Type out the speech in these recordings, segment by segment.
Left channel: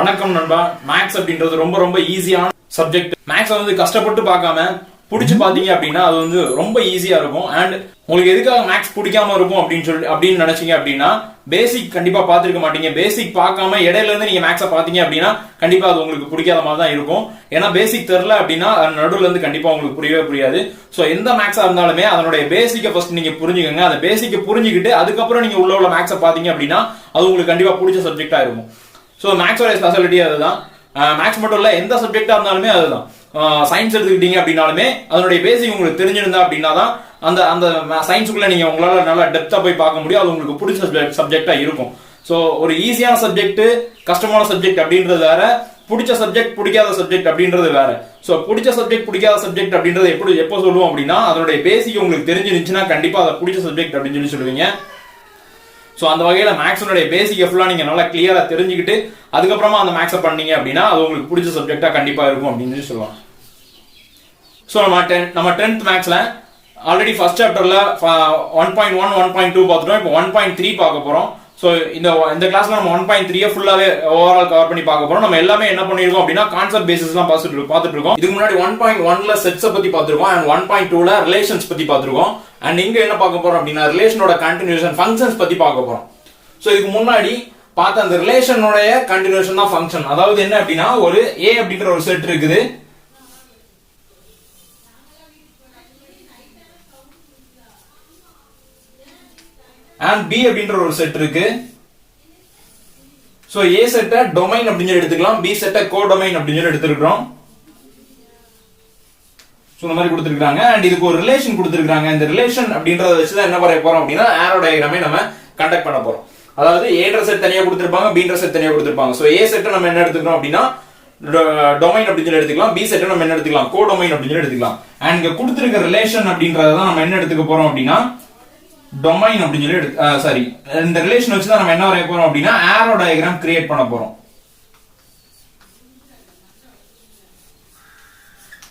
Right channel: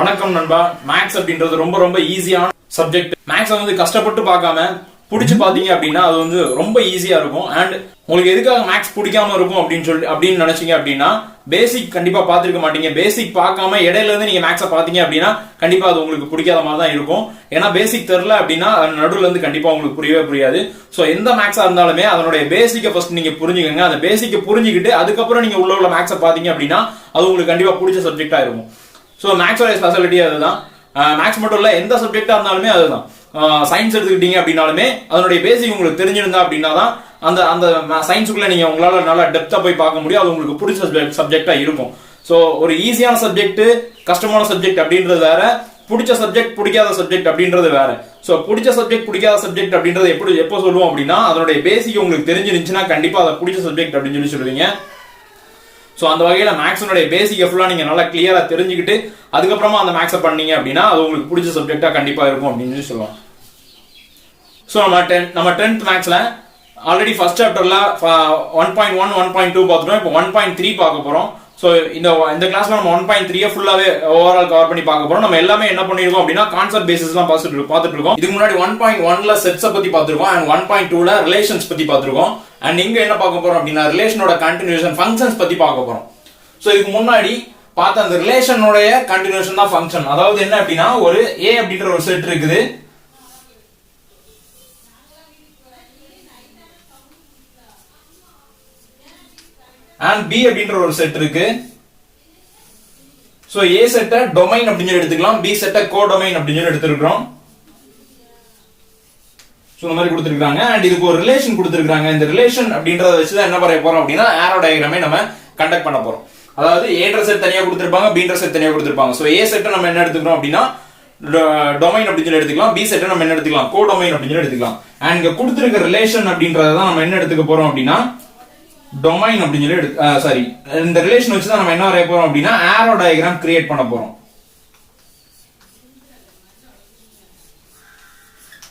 வணக்கம் நண்பா. மேக்ஸ் அப்படின்றது ரொம்ப ரொம்ப ஈஸியான சப்ஜெக்ட். மேக்ஸ் வந்து கஷ்டப்பட்டு பார்க்காம பிடிச்சு பாத்தீங்க அப்படின்னா அது வந்து ரொம்ப ஈஸியா இருக்கும். அண்ட் உங்களுக்கு எதுக்காக மேக்ஸ் பிடிக்காம இருக்கும் அப்படின்னு நினைச்சீங்க அப்படின்னா பேசிக் கண்டிப்பா பாத்துருக்க மாட்டீங்க. பேசிக் பார்க்காம இடையில இருந்து நீங்க மேக்ஸை பாத்தீங்க அப்படின்னா கண்டிப்பா அது உங்களுக்கு பிடிக்காத மாதிரி தான் இருக்கும். ஏன்னா பேசிக் தெரியல அப்படின்னா நடுவுல இருந்து கண்டிப்பா உங்களுக்கு புரியவே புரியாது. சோ எந்த மேக்ஸா இருந்தாலுமே அதனுடைய பேசிக்கை ஃபர்ஸ்ட் நீங்க புரிஞ்சுக்கங்க. அந்த பேசிக்கை புரிஞ்சுக்கிட்டு அதுக்கப்புறம் நீங்க உள்ள மேக்ஸை பாத்தீங்க அப்படின்னா அது உங்களுக்கு கண்டிப்பா பிடிச்ச சப்ஜெக்டா இருக்கும். ஸோ மேக்ஸோட ஸ்பெஷாலிட்டி அதுதான். மேக்ஸ் மட்டும் இல்ல, எந்த சப்ஜெக்டா இருந்தாலுமே அதுதான். சயின்ஸ் எடுத்துக்கிட்டீங்க அப்படின்னாலுமே அதனுடைய பேசிக் உங்களுக்கு தெரிஞ்சிருந்தா அப்படின்னா தான் அந்த அந்த சயின்ஸுக்குள்ள நீங்க உங்களால நல்லா டெப்தா போய் பார்க்க முடியும். அது உங்களுக்கு பிடிச்ச சப்ஜெக்டா இருக்கும். ஸோ ஒரு ஈஸியான சப்ஜெக்ட், கஷ்டமான சப்ஜெக்ட் அப்படின்றது வேற, பிடிச்ச சப்ஜெக்ட் பிடிக்காத சப்ஜெக்ட் அப்படின்றது வேற. ஸோ பிடிச்ச சப்ஜெக்ட் பிடிக்காத சப்ஜெக்ட் அப்படின்றது எப்போ சொல்லுவோம் அப்படின்னா அதனுடைய பேசிக் உங்களுக்கு தெரிஞ்சிருந்துச்சுன்னா கண்டிப்பா அதை பிடிச்ச சப்ஜெக்ட் அப்படின்னு சொல்லுவீங்க. ஸோ அந்த வகையில் மேக்ஸினுடைய பேசிக் ஃபுல்லாக நீங்கள் நல்லா கிளியராக தெரிஞ்சுக்கிட்டு அதுக்கப்புறமா அந்த மேக்ஸை பண்ணீங்க அப்படின்னா அது உங்களுக்கு பிடிச்ச சப்ஜெக்டாக கண்டிப்பாக இருக்கும் அப்படின்னு சொல்லுவாங்க. ஸோ நம்ம 10th மேக்ஸில் ஆல்ரெடி ஃபர்ஸ்ட் சாப்டரில் 1.1 1.2 பார்த்துட்டோம். இப்போ 1.3 பார்க்க போகிறோம். ஸோ இந்த கிளாஸ்ல நம்ம 1.3 ஃபுல்லாவே ஓவரால் கவர் பண்ணி பார்க்க போறோம். நம்ம எல்லாமே என்ன பண்ணிருக்கோம் அப்படின்னா கான்செப்ட் பேசிஸ்லாம் பார்த்துட்டு இருக்கோம். இதுக்கு முன்னாடி 1.1ல செட்ஸை பத்தி பார்த்திருக்கோம் அண்ட் 1.2ல ரிலேஷன்ஸ் பத்தி பார்த்திருக்கோம். அண்ட் இங்க என்ன பார்க்க போறோம் அப்படின்னா ரிலேஷனோட கண்டினியூஷன் ஃபங்க்ஷன்ஸ் பத்தி பார்க்க போறோம். ஸோ இதுக்கு முன்னாடி பார்த்த அந்த ரிலேஷனோட கண்டினியூஷன் தான் ஃபங்க்ஷன். அதாவது என்ன அப்படின்னா ஒரு A அப்படின்ற ஒரு செட் இருக்குது. and B அப்படின்ற ஒரு செட் இருக்கு. சோ A செட்ட டொமைன் அப்படின்னு எடுத்துக்கலாம், B செட்ட கோடொமைன் அப்படின்னு எடுத்துக்கிறோம். சோ இந்த மாதிரி கொடுத்திருக்காங்க. அண்ட் இதுக்கு ஒரு ரிலேஷன் கொடுத்திருக்காங்க. இந்த ரிலேஷன் அப்படின்றத வச்சு தான் என்ன பண்ண போறோம் அப்படின்னா ஆரோ டயகிராமை நம்ம கண்டக்ட் பண்ண போறோம். அதாவது A செட் தனியா கொடுத்திருப்பாங்க, B செட் தனியா கொடுத்திருப்பாங்க. சோ A செட்ட நம்ம என்ன எடுத்துக்கிறோம் அப்படின்னா டொமைன் அப்படின்னு எடுத்துக்கலாம், B செட்ட நம்ம என்ன எடுத்துக்கலாம் கோடொமைன் அப்படின்னு எடுத்துக்கலாம். அண்ட் இங்க கொடுத்திருக்க ரிலேஷன் அப்படின்றத தான் நம்ம என்ன எடுத்துக்க போறோம் அப்படின்னா டொமைன் அப்படின்னு சொல்லி இந்த ரிலேஷன் வச்சு தான் நம்ம என்ன வரைய போறோம் அப்படின்னா ஆரோ டயகிராம் கிரியேட் பண்ண போறோம்.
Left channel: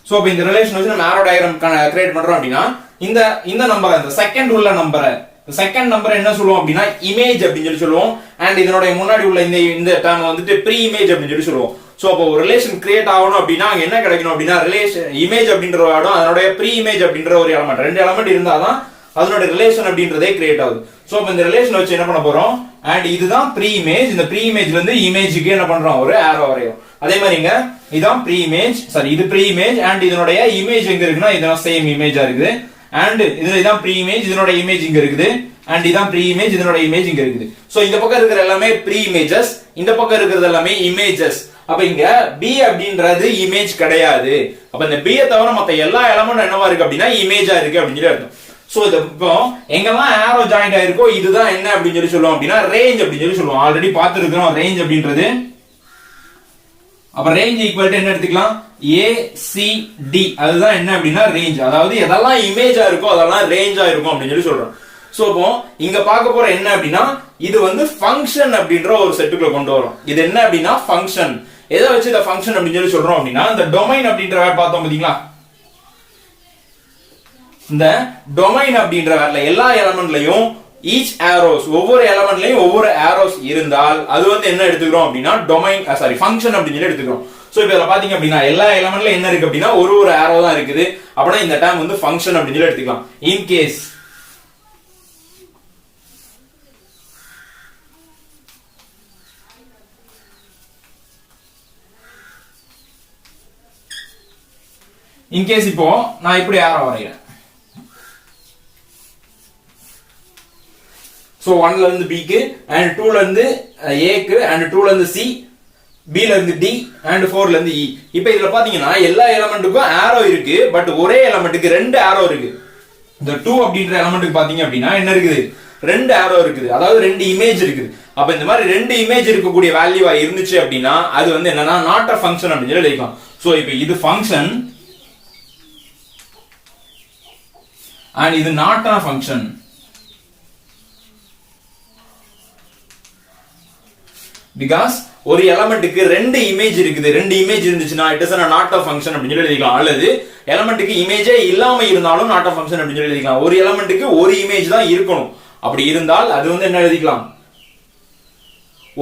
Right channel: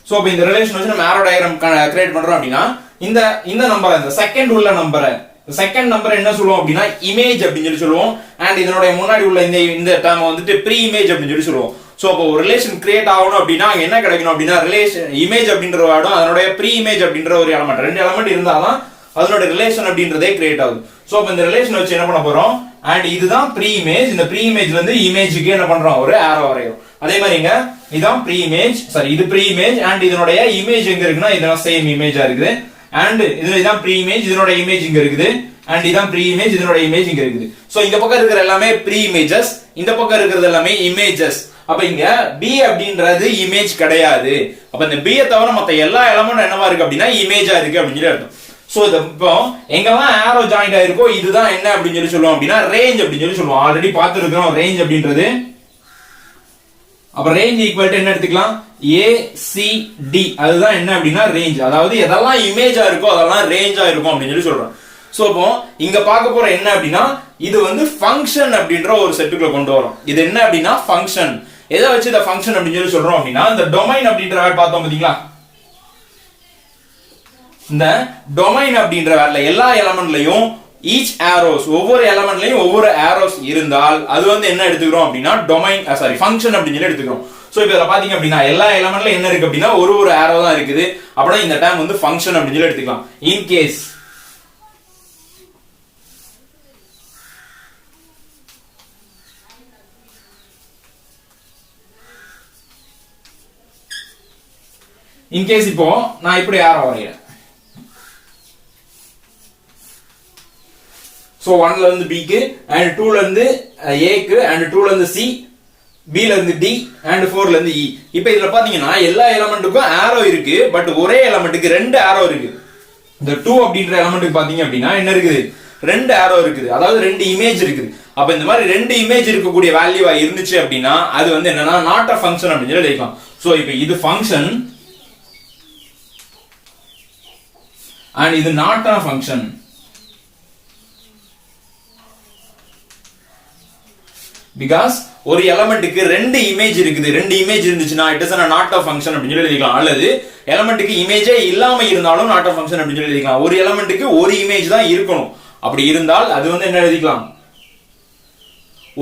சோ இப்போ இந்த ரிலேஷன் வச்சு நம்ம ஆரோ டயகிராம் கிரியேட் பண்றோம் அப்படின்னா இந்த நம்பரை, இந்த செகண்ட் உள்ள நம்பரை, செகண்ட் நம்பர் என்ன சொல்லுவோம் அப்படின்னா இமேஜ் அப்படின்னு சொல்லி சொல்லுவோம். அண்ட் இதனுடைய முன்னாடி உள்ள இந்த டேர்ம் வந்துட்டு ப்ரீ இமேஜ் அப்படின்னு சொல்லி சொல்லுவோம். சோ அப்போ ஒரு ரிலேஷன் கிரியேட் ஆகணும் அப்படின்னா என்ன கிடைக்கணும் அப்படின்னா ரிலேஷன் இமேஜ் அப்படின்ற ஒரு இடம், அதனுடைய ப்ரீ இமேஜ் அப்படின்ற ஒரு எலமெண்ட், ரெண்டு எலமெண்ட் இருந்தாதான் அதனோட ரிலேஷன் அப்படின்றதே கிரியேட் ஆகுது. சோ அப்ப இந்த ரிலேஷன் வச்சு என்ன பண்ண போறோம், அண்ட் இதுதான் ப்ரீ இமேஜ். இந்த ப்ரீ இமேஜ்ல இருந்து இமேஜுக்கு என்ன பண்றோம் ஒரு ஆரோ வரையும். அதே மாதிரிங்க இதான் ப்ரீ இமேஜ், இது ப்ரீ இமேஜ். அண்ட் இதனுடைய இமேஜ் எங்க இருக்குன்னா இதெல்லாம் சேம் இமேஜா இருக்குது. அண்ட் இதான் ப்ரீ இமேஜ், இதனுடைய இமேஜ் இங்க இருக்குது. அண்ட் இதான் ப்ரீ இமேஜ், இதனுடைய இமேஜ் இங்க இருக்குது. சோ இந்த பக்கம் இருக்கிற எல்லாமே ப்ரீ இமேஜஸ், இந்த பக்கம் இருக்கிறது எல்லாமே இமேஜஸ். அப்ப இங்க B அப்படின்றது இமேஜ் கிடையாது. அப்ப இந்த B தவிர மத்த எல்லா எலமெண்ட் என்னவா இருக்கு அப்படின்னா இமேஜா இருக்கு அப்படின்னு சொல்லி அர்த்தம். சோ இப்போ எங்கெல்லாம் ஆரோ ஜாயிண்ட் ஆயிருக்கோ இதுதான் என்ன அப்படின்னு சொல்லி சொல்லுவோம் அப்படின்னா ரேஞ்ச் அப்படின்னு சொல்லி சொல்லுவோம். ஆல்ரெடி பார்த்துருக்கோம் ரேஞ்ச் அப்படின்றது. அப்ப ரேஞ்ச் ஈக்குவல் டு என்ன எடுத்துக்கலாம் ACD, அதுதான் என்ன அப்படின்னா ரேஞ்ச். அதாவது எதெல்லாம் இமேஜா இருக்கோ அதெல்லாம் ரேஞ்சா இருக்கும் அப்படின்னு சொல்லி சொல்றோம். சோ இப்போ இங்க பார்க்க போற என்ன அப்படின்னா இது வந்து ஃபங்க்ஷன் அப்படின்ற ஒரு செட்டுக்குள்ள கொண்டு வரும். இது என்ன அப்படின்னா ஃபங்க்ஷன். எதை வச்சு இந்த ஃபங்க்ஷன் அப்படின்னு சொல்லி சொல்றோம் அப்படின்னா இந்த டொமைன் அப்படின்ற வேர்ட் பார்த்தோம் பாத்தீங்களா, இந்த டொமைன் அப்படின்ற வேர்ட்ல எல்லா எலமெண்ட்லயும் ஈச் ஆரோஸ், ஒவ்வொரு எலமெண்ட்லயும் ஒவ்வொரு ஆரோஸ் இருந்தால் அது வந்து என்ன எடுத்துக்கிறோம் அப்படின்னா டொமைன் ஃபங்க்ஷன் அப்படின்னு சொல்லி எடுத்துக்கிறோம். சோ இப்போ இதுல பாத்தீங்க அப்படின்னா எல்லா எலமெண்ட்ல என்ன இருக்கு அப்படின்னா ஒரு ஆரோ தான் இருக்குது. அப்படின்னா இந்த டைம் வந்து ஃபங்க்ஷன் அப்படின்னு சொல்லி எடுத்துக்கலாம். இன் கேஸ் இப்போ நான் இப்படி ஆரோ வரைகிறேன். சோ 1ல இருந்து B க்கு, and 2ல இருந்து A க்கு, and 2ல இருந்து C, B ல இருந்து D, and 4ல இருந்து E. இப்போ இதுல பாத்தீங்கன்னா எல்லா எலிமெண்ட்டுக்கும் ஆரோ இருக்கு. பட் ஒரே எலிமெண்ட்டுக்கு ரெண்டு ஆரோ இருக்கு. இந்த 2 அப்படின்ற எலிமெண்ட்டுக்கு பாத்தீங்க அப்படின்னா என்ன இருக்குது, ரெண்டு ஆரோ இருக்குது. அதாவது ரெண்டு இமேஜ் இருக்குது. அப்ப இந்த மாதிரி ரெண்டு இமேஜ் இருக்கக்கூடிய வேல்யூவா இருந்துச்சு அப்படின்னா அது வந்து என்னன்னா நாட் அ ஃபங்க்ஷன் அப்படின்னு சொல்லி எழுதிக்கலாம். சோ இப்போ இது ஃபங்க்ஷன் and இது not a function. Because ஒரு எலிமெண்ட்டுக்கு ரெண்டு இமேஜ் இருக்குது. ரெண்டு இமேஜ் இருந்துச்சுன்னா it is not a function அப்படின்னு சொல்லி எழுதிக்கலாம். அல்லது எலிமெண்ட்டுக்கு இமேஜே இல்லாம இருந்தாலும் நாட் அ ஃபங்க்ஷன் அப்படின்னு சொல்லி எழுதிக்கலாம். ஒரு எலிமெண்ட்டுக்கு ஒரு இமேஜ் தான் இருக்கணும். அப்படி இருந்தால் அது வந்து என்ன எழுதிக்கலாம்,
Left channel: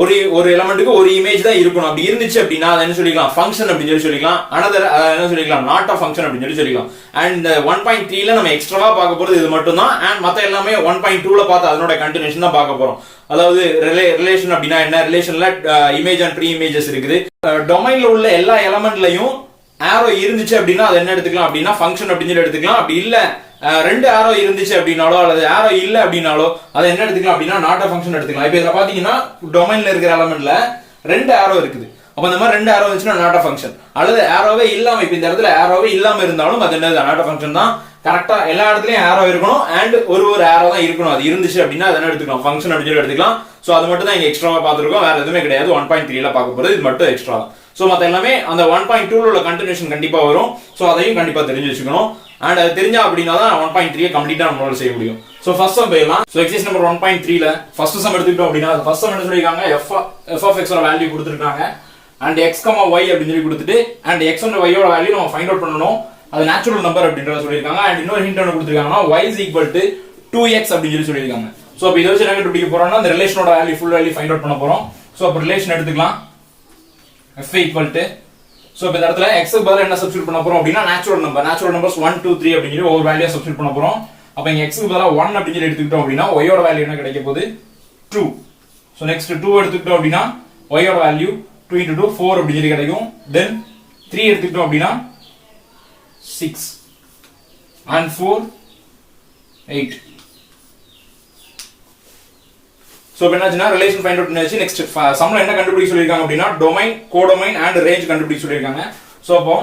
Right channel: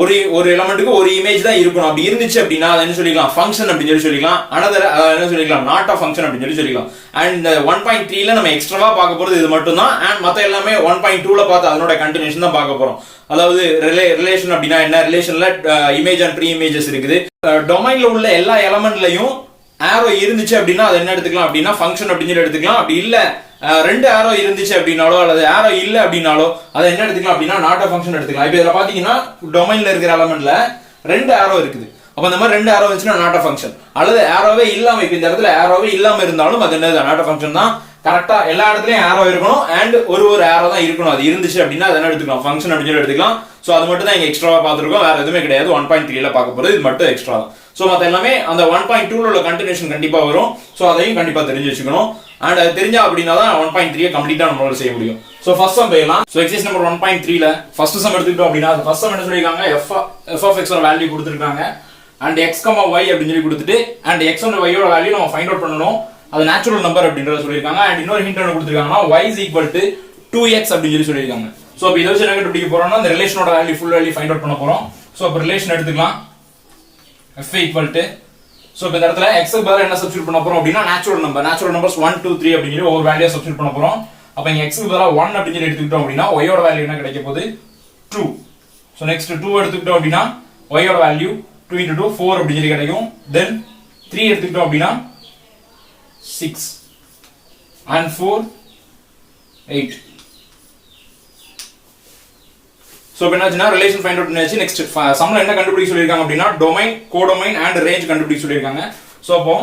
ஒரு எலமெண்ட்டுக்கு ஒரு இமேஜ் தான் இருக்கணும். அப்படி இருந்துச்சு அப்படின்னா அதை என்ன சொல்லிக்கலாம், ஃபங்க்ஷன் அப்படின்னு சொல்லிக்கலாம். அனதர் என்ன சொல்லிக்கலாம், நாட் ஆஃப் ஃபங்க்ஷன் அப்படின்னு சொல்லிக்கலாம். அண்ட் 1.3ல நம்ம எக்ஸ்ட்ராவா பார்க்க போறது இது மட்டும் தான். அண்ட் மத்த எல்லாமே 1.2ல பார்த்து அதனோட கண்டினியூஷன் தான் பார்க்க போறோம். அதாவது ரிலேஷன் அப்படின்னா என்ன, ரிலேஷன்ல இமேஜ் அண்ட் ப்ரீ இமேஜஸ் இருக்குது. டொமைன்ல உள்ள எல்லா எலமெண்ட்லயும் ஆரோ இருந்துச்சு அப்படின்னா அதை என்ன எடுத்துக்கலாம் அப்படின்னா ஃபங்க்ஷன் அப்படின்னு எடுத்துக்கலாம். அப்படி இல்ல 2 ஆரோ இருந்துச்சு அப்படின்னாலோ அல்லது ஆரோ இல்ல அப்படின்னாலோ அதை என்ன எடுத்துக்கலாம் அப்படின்னா நாட் ஆஃப் ஃபங்க்ஷன் எடுத்துக்கலாம். இப்போ இதுல பாத்தீங்கன்னா டொமைன்ல இருக்கிற எலமெண்ட்ல 2 ஆரோ இருக்குது. அப்ப இந்த மாதிரி 2 ஆரோ இருந்துச்சுன்னா நாட் ஆஃப் ஃபங்க்ஷன். அல்லது ஆரோவே இல்லாம, இப்ப இந்த இடத்துல ஆரோவே இல்லாம இருந்தாலும் அது என்னது, நாட் ஆஃப் ஃபங்க்ஷன் தான். கரெக்டா எல்லா இடத்துலயும் ஆரோ இருக்கணும் அண்ட் ஒரு ஆரோ தான் இருக்கணும். அது இருந்துச்சு அப்படின்னா அதை என்ன எடுத்துக்கலாம், ஃபங்க்ஷன் அப்படின்னு எடுத்துக்கலாம். சோ அது மட்டும் தான் இங்க எக்ஸ்ட்ராவா பாத்துருக்கோம், வேற எதுவுமே கிடையாது. 1.3ல பார்க்க போறது இது மட்டும் எக்ஸ்ட்ரா தான். சோ மத்த எல்லாமே அந்த 1.2ல உள்ள கண்டினியூஷன் கண்டிப்பா வரும். சோ அதையும் கண்டிப்பா தெரிஞ்சு வச்சுக்கணும். அண்ட் அது தெரிஞ்சா அப்படின்னா தான் 1.3 கம்ப்ளீட்டா நம்மளால செய்ய முடியும். சோ ஃபர்ஸ்ட் சம் போயிடலாம். சோ எக்ஸசைஸ் நம்பர் 1.3ல ஃபர்ஸ்ட் சம் எடுத்துக்கிட்டோம் அப்படின்னா ஃபர்ஸ்ட் சம் என்ன சொல்லிருக்காங்க, f of x ஓட வேல்யூ கொடுத்திருக்காங்க. அண்ட் x, y அப்படின்னு சொல்லி கொடுத்துட்டு அண்ட் x and y ஓட வேல்யூ நம்ம ஃபைண்ட் அவுட் பண்ணனும். அது நேச்சுரல் நம்பர் அப்படின்றத சொல்லிருக்காங்க. அண்ட் இன்னொரு ஹிண்ட் என்ன கொடுத்திருக்காங்கன்னா y is equal to 2x அப்படின்னு சொல்லிருக்காங்க. சோ இப்போ இத வச்சு என்ன கண்டுபிடிக்க போறோம்னா அந்த ரிலேஷனோட value full value find out பண்ண போறோம். சோ அப்ப ரிலேஷன் எடுத்துக்கலாம். f equal to, சோ இந்த இடத்துல x க்கு பதிலா என்ன சப்ஸ்டிட்யூட் பண்ண போறோம் அப்படினா நேச்சுரல் நம்பர்ஸ் 1 2 3 அப்படி சொல்லி ஒரு வேல்யூ சப்ஸ்டிட்யூட் பண்ண போறோம். அப்ப இங்க x க்கு பதிலா 1 அப்படி சொல்லி எடுத்துக்கிட்டோம் அப்படினா y ஓட வேல்யூ என்ன கிடைக்க போகுது, 2. சோ நெக்ஸ்ட் 2 எடுத்துக்கிட்டோம் அப்படினா y ஓட வேல்யூ 2 into 2 4 அப்படி சொல்லி கிடைக்கும். தென் 3 எடுத்துக்கிட்டோம் அப்படினா 6 and 4 8. சோ இப்போ என்னாச்சுன்னா ரிலேஷன் ஃபைண்ட் அவுட் பண்ணியாச்சு. நெக்ஸ்ட் சம்ல என்ன கண்டுபிடிக்க சொல்லிருக்காங்க அப்படினா டொமைன், கோடொமைன் அண்ட் ரேஞ்ச் கண்டுபிடிக்க சொல்லிருக்காங்க. சோ அப்போ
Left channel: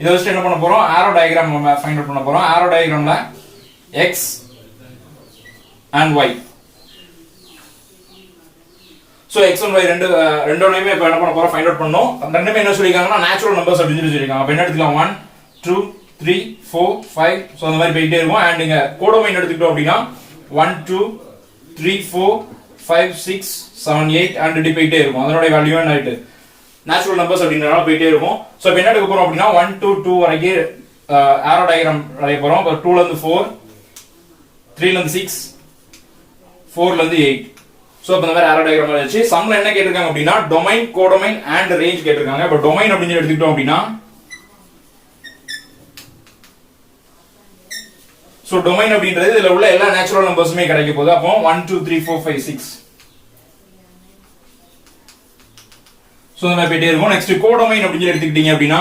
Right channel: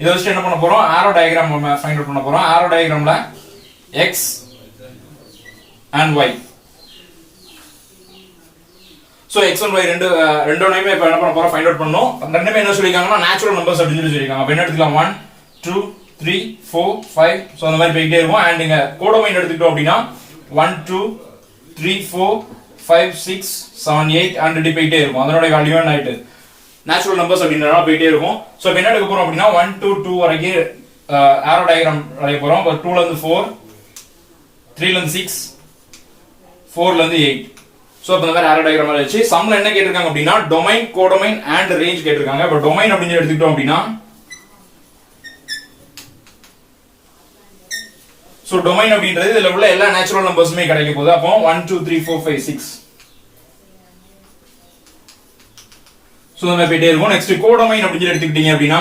இத வச்சு என்ன பண்ண போறோம், ஆரோ டயகிராம் ஃபைண்ட் அவுட் பண்ண போறோம். ஆரோ டயகிராம்ல x and y, so x and y ரெண்டுமே இப்ப என்ன பண்ண போறோம், ஃபைண்ட் அவுட் பண்ணனும். ரெண்டுமே என்ன சொல்லிருக்காங்கன்னா நேச்சுரல் நம்பர்ஸ் அப்படி சொல்லி சொல்லிருக்காங்க. அப்ப என்ன எடுத்துக்கலாம், 1 2 3 4 5 சோ அந்த மாதிரி போயிட்டே இருக்கும். அண்ட் இங்க கோடொமைன் எடுத்துக்கிட்டோம் அப்படினா 1 2 3 4 5 6 7 8 and இப்படி போயிட்டே இருக்கும். அதனோட வேல்யூ என்ன ஆயிட்டு நேச்சுரல் நம்பர்ஸ் அப்படின்றனால போயிட்டே இருக்கும். சோ இப்போ என்ன எடுக்க போறோம் அப்படினா 1 2 2 வரைக்கும் ஆரோ டயகிராம் வரைய போறோம். அப்ப 2ல இருந்து 4 3ல இருந்து 6 4ல இருந்து 8. சோ அப்ப இந்த மாதிரி ஆரோ டயகிராம் வரைச்சு சம்ல என்ன கேட்டிருக்காங்க அப்படினா டொமைன், கோடொமைன் அண்ட் ரேஞ்ச் கேட்டிருக்காங்க. அப்ப டொமைன் அப்படினு எடுத்துக்கிட்டோம் அப்படினா சோ டொமைன் அப்படின்றது இதுல உள்ள எல்லா நேச்சுரல் நம்பர்ஸுமே கிடைக்க போகுது. அப்போ 1 2 3 4 5 6 சோ நம்ம போயிட்டே இருக்கோம். நெக்ஸ்ட் கோடொமைன் அப்படின்னு எடுத்துக்கிட்டீங்க அப்படின்னா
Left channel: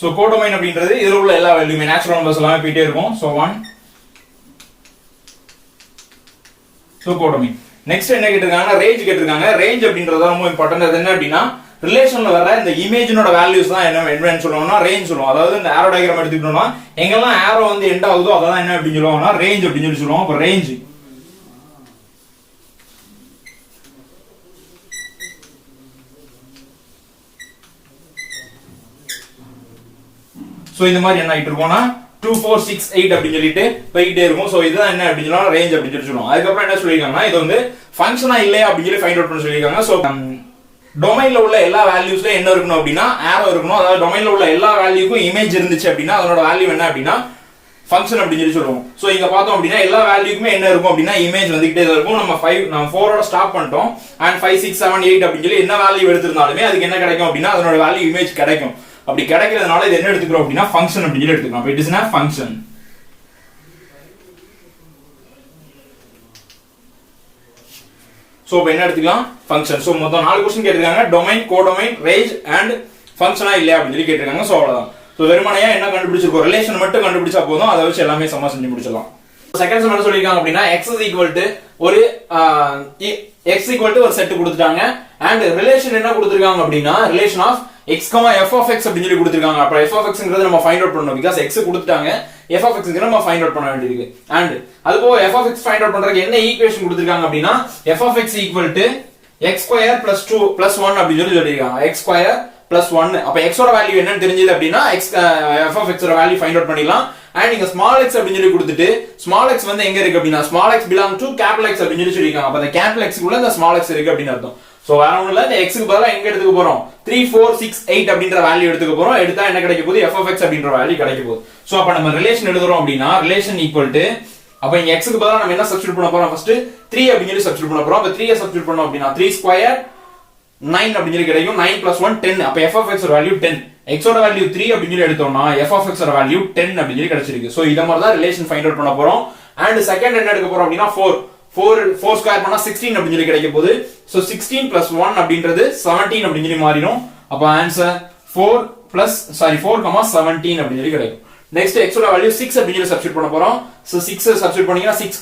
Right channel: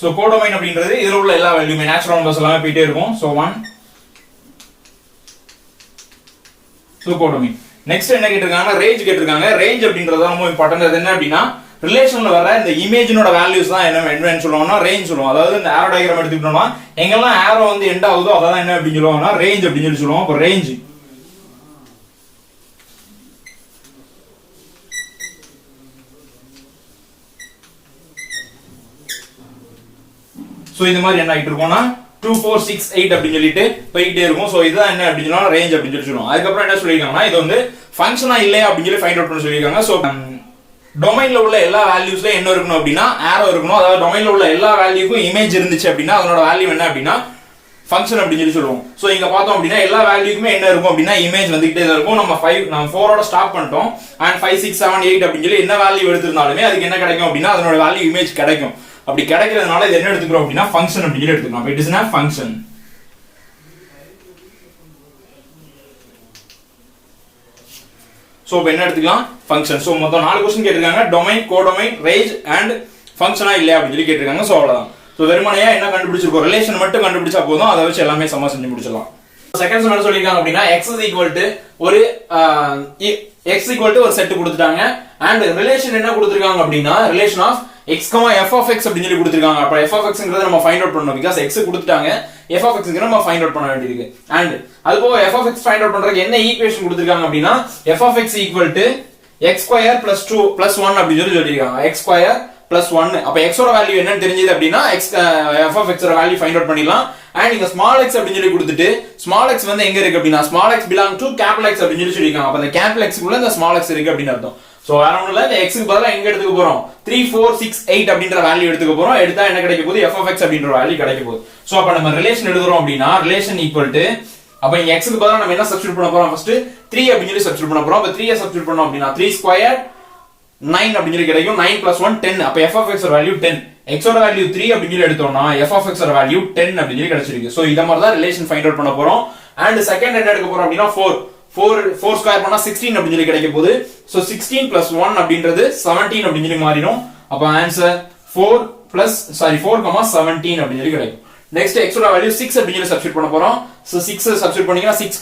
சோ கோடொமைன் அப்படின்றது இதுல உள்ள எல்லா வேல்யூமே நேச்சுரல் நம்பர்ஸ் எல்லாமே போயிட்டே இருக்கும். So 1 so codomain. நெக்ஸ்ட் என்ன கேட்டிருக்காங்க, ரேஞ்ச் கேட்டிருக்காங்க. ரேஞ்ச் அப்படின்றது ரொம்ப இம்பார்ட்டன்ட். அது என்ன அப்படின்னா ரிலேஷன்ல வர இந்த இமேஜினோட வேல்யூஸ் தான் என்னன்னு சொல்லுவாங்கன்னா ரேஞ்ச் சொல்லுவோம். அதாவது இந்த ஆரோ டயகிராம் எடுத்துக்கிட்டோம்னா எங்கெல்லாம் ஆரோ வந்து எண்ட் ஆகுதோ அதான் என்ன அப்படின்னு சொல்லுவாங்கன்னா ரேஞ்ச் அப்படின்னு சொல்லி சொல்லுவோம். அப்ப ரேஞ்ச் சோ இந்த மாதிரி என்ன ஆயிட்டு இருக்கோம்னா 2 4 6 8 அப்படி சொல்லிட்டு போயிட்டே இருக்கும். சோ இதுதான் என்ன அப்படின்னு சொன்னா ரேஞ்ச் அப்படின்னு சொல்லி சொல்லுவோம். அதுக்கப்புறம் என்ன சொல்லிருக்காங்கன்னா இது வந்து ஃபங்க்ஷனா இல்லையா அப்படின்னு சொல்லி ஃபைண்ட் அவுட் பண்ண சொல்லிருக்காங்க. சோ டொமைன்ல உள்ள எல்லா வேல்யூஸ்ல என்ன இருக்கணும் அப்படின்னா ஆரோ இருக்கணும். அதாவது டொமைன்ல உள்ள எல்லா வேல்யூக்கும் இமேஜ் இருந்துச்சு அப்படின்னா அதனோட வேல்யூ என்ன அப்படின்னா ஃபங்க்ஷன் அப்படின்னு சொல்லி சொல்லுவோம். சோ இங்க பார்த்தோம் அப்படின்னா எல்லா வேல்யூக்குமே என்ன இருக்கும் அப்படின்னா இமேஜ் வந்துகிட்டே தான் இருக்கும். நம்ம 4ஓட ஸ்டாப் பண்ணிட்டோம். அண்ட் 5 6 7 8 அப்படின்னு சொல்லி என்ன வேல்யூ எடுத்திருந்தாலுமே அதுக்கு என்ன கிடைக்கும் அப்படின்னா அதனோட வேல்யூ இமேஜ் கிடைக்கும். அப்படி கிடைக்கிறதுனால இது என்ன எடுத்துக்கிறோம் அப்படின்னா ஃபங்க்ஷன் அப்படின்னு எடுத்துக்கலாம். It is a function. So இப்போ என்ன எடுத்துக்கலாம், ஃபங்க்ஷன். சோ மொத்தம் 4 क्वेश्चन கேட்டிருக்காங்க. டொமைன், கோடொமைன், ரேஞ்ச் அண்ட் ஃபங்க்ஷனா இல்லையா அப்படின்னு சொல்லி கேட்டிருக்காங்க. சோ அவ்வளவுதான். சோ வெறுமனையா என்ன கண்டுபிடிச்சிருக்கோம், ரிலேஷன் மட்டும் கண்டுபிடிச்சா போதும். அதை வச்சு எல்லாமே சமமா செஞ்சு முடிச்சிடலாம். செகண்ட் சம் என்ன சொல்லிருக்காங்க அப்படின்னா x is equal to ஒரு x equal to ஒரு செட் கொடுத்துட்டாங்க. அண்ட் ரிலேஷன் என்ன கொடுத்திருக்காங்க அப்படின்னா relation of x, f of x அப்படின்னு சொல்லி கொடுத்திருக்காங்க. அப்ப f of xங்கிறது நம்ம ஃபைண்ட் அவுட் பண்ணனும். பிகாஸ் x கொடுத்துட்டாங்க, f of xங்கிறது நம்ம ஃபைண்ட் அவுட் பண்ண வேண்டியிருக்கு. அண்ட் அதுபோக f of x find out பண்றதுக்கு என்ன ஈக்குவேஷன் கொடுத்திருக்காங்க அப்படின்னா f of x equal to x square plus 2 plus 1 அப்படி சொல்லிருக்காங்க. x square plus 1. அப்ப x ஓட வேல்யூ என்னன்னு தெரிஞ்சது அப்படின்னா f of x ஓட வேல்யூ ஃபைண்ட் அவுட் பண்ணிடலாம். அண்ட் இங்க ஸ்மால் x அப்படின்னு சொல்லி கொடுத்துட்டு ஸ்மால் x வந்து எங்க இருக்கு அப்படின்னா small x belong to capital X அப்படின்னு சொல்லி சொல்லிருக்காங்க. அப்ப அந்த capital X குள்ள இந்த ஸ்மால் x இருக்கு அப்படின்னு அர்த்தம். சோ வேற ஒண்ணும் இல்ல, இந்த x க்கு பதிலா எங்க எடுத்துக்க போறோம் 3 4 6 8 அப்படின்ற வேல்யூ எடுத்துக்க போறோம். எடுத்தா என்ன கிடைக்க போகுது f of x அப்படின்ற வேல்யூ கிடைக்க போகுது. சோ அப்ப நம்ம ரிலேஷன் எழுதுறோம் அப்படின்னா ரிலேஷன் ஈக்குவல் டு அப்ப இங்க x க்கு பதிலா நம்ம என்ன சப்ஸ்டிட்யூட் பண்ண போறோம் ஃபர்ஸ்ட் 3 அப்படின்னு சொல்லி சப்ஸ்டிட்யூட் பண்ண போறோம். அப்ப 3 சப்ஸ்டிட்யூட் பண்ணோம் அப்படின்னா 3 ஸ்கொயர் 9 அப்படின்னு சொல்லி கிடைக்கும். 9 plus 1 10. அப்ப f of x ஓட வேல்யூ 10. x ஓட வேல்யூ 3 அப்படின்னு சொல்லி எடுத்தோம்னா f of x ஓட வேல்யூ 10 அப்படின்னு சொல்லி கிடைச்சிருக்கு. சோ இத மாதிரி தான் ரிலேஷன் ஃபைண்ட் அவுட் பண்ண போறோம். அண்ட் செகண்ட் என்ன எடுக்க போறோம் அப்படின்னா 4 ஸ்கொயர் பண்ணா 16 அப்படின்னு சொல்லி கிடைக்க போகுது. சோ 16 plus 1 அப்படின்றது 17 அப்படின்னு சொல்லி மாறிடும். அப்ப ஆன்சர் 4 17 அப்படின்னு சொல்லி கிடைக்கும். நெக்ஸ்ட் x ஓட வேல்யூ 6 அப்படின்னு சொல்லி சப்ஸ்டிட்யூட் பண்ண போறோம். சோ 6 சப்ஸ்டிட்யூட் பண்ணீங்கன்னா 6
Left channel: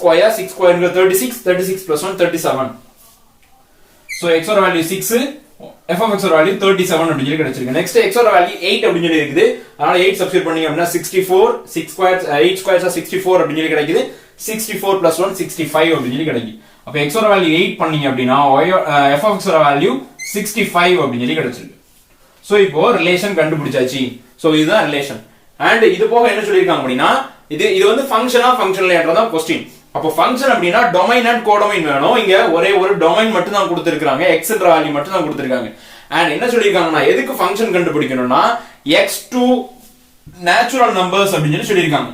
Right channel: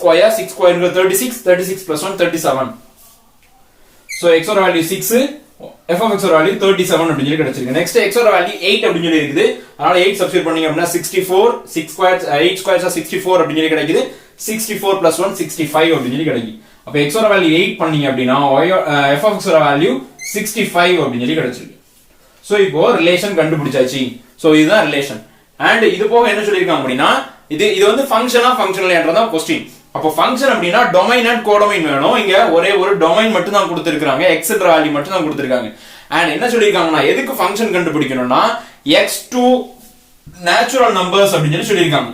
ஸ்கொயர்ங்கிறது 36 plus 1 37. சோ x ஓட வேல்யூ 6, f of x ஓட வேல்யூ 37 அப்படின்னு சொல்லி கிடைச்சிருக்கு. நெக்ஸ்ட் x ஓட வேல்யூ 8 அப்படின்னு சொல்லி இருக்குது. அதனால 8 சப்ஸ்டிட்யூட் பண்ணீங்க அப்படின்னா 64 6 ஸ்கொயர் 8 ஸ்கொயர்ஸ் 64 அப்படின்னு சொல்லி கிடைக்குது. 64 plus 1 65 அப்படின்னு சொல்லி கிடைக்கும். அப்ப x ஓட வேல்யூ 8 பண்ணீங்க அப்படின்னா f of x ஓட வேல்யூ 65 அப்படின்னு சொல்லி கிடைச்சிருக்கு. சோ இப்போ ரிலேஷன் கண்டுபிடிச்சாச்சு. சோ இதுதான் ரிலேஷன். அண்ட் இது போக என்ன சொல்லிருக்காங்க அப்படின்னா இது வந்து ஃபங்க்ஷனா ஃபங்க்ஷனல்ன்றதா क्वेश्चन. அப்போ ஃபங்க்ஷன் அப்படின்னா டொமைன் அண்ட் கோடொமைன் வேணும். இங்க ஒரே ஒரு டொமைன் மட்டும் தான் கொடுத்திருக்காங்க, x என்ற வேல்யூ மட்டும் தான் கொடுத்திருக்காங்க. அண்ட் என்ன சொல்லிருக்காங்கன்னா எதுக்கு ஃபங்க்ஷன் கண்டுபிடிக்கணும்னா x to நேச்சுரல் நம்பர்ஸ் அப்படின்னு சொல்லிருக்காங்க.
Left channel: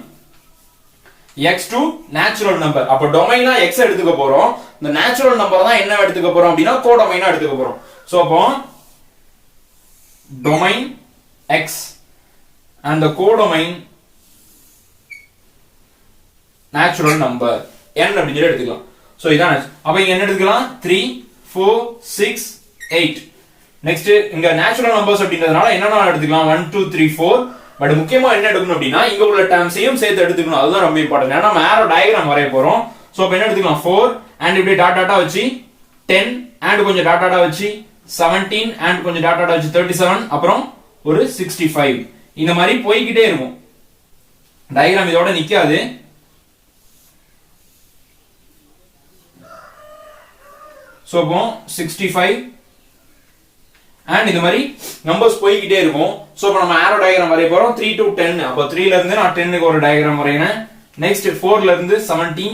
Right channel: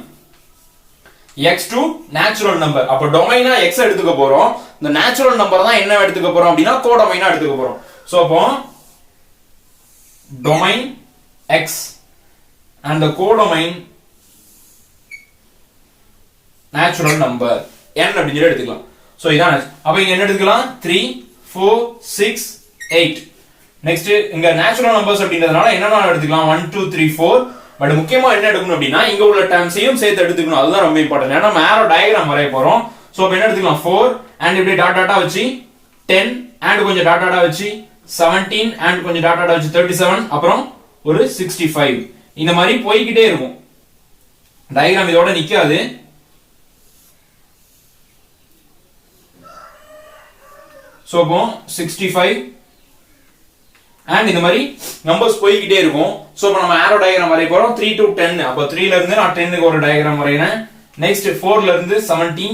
x to natural number. அப்ப டொமைனா x எடுத்துக்க போறோம். இந்த நேச்சுரல் நம்பர் தான் என்ன எடுத்துக்க போறோம் அப்படின்னா கோடொமைனா எடுத்துக்க போறோம். சோ அப்போ domain x and the codomain natural number n அப்படி சொல்லி எடுத்துக்கலாம். சோ இதான். அப்ப இங்க என்ன எடுத்துக்கலாம் 3 4 6 8. நெக்ஸ்ட் இங்க நேச்சுரல் நம்பர்ஸ் அப்படின்றதுனால என்னன்னா எடுத்துக்கலாம் 1 2 3 4. பட் முக்கியமா என்ன எடுக்கணும் அப்படின்னா இங்க உள்ள டேர்ம்ஸையும் சேர்த்து எடுத்துக்கணும். அதுதான் ரொம்ப இம்பார்ட்டன்ட். ஏன்னா நம்ம ஆரோ டயகிராம் வரைய போறோம். சோ அப்ப என்ன எடுத்துக்கலாம் 4 and இப்படி டாட்டா வச்சு 10 and கொஞ்சம் டாட்டா வச்சு 17 and கொஞ்சம் டாட்டா வச்சு 37 அப்புறம் ஒரு 65. இந்த மாதிரி போய்கிட்டே இருக்கும். டயகிராம் இதோட நிக்காது. சோ அப்போ 65 and இந்த மாதிரி நம்பர்ஸ் போய்கிட்டே இருக்கும். சோ இப்போ நம்ம ஆரோ டயகிராம் வரைய போறோம் 3 to 10. அப்போ 3 ல இருந்து நான் 10 க்கு ஒரு டயகிராம் வரையறேன். நெக்ஸ்ட் 4 ல இருந்து 17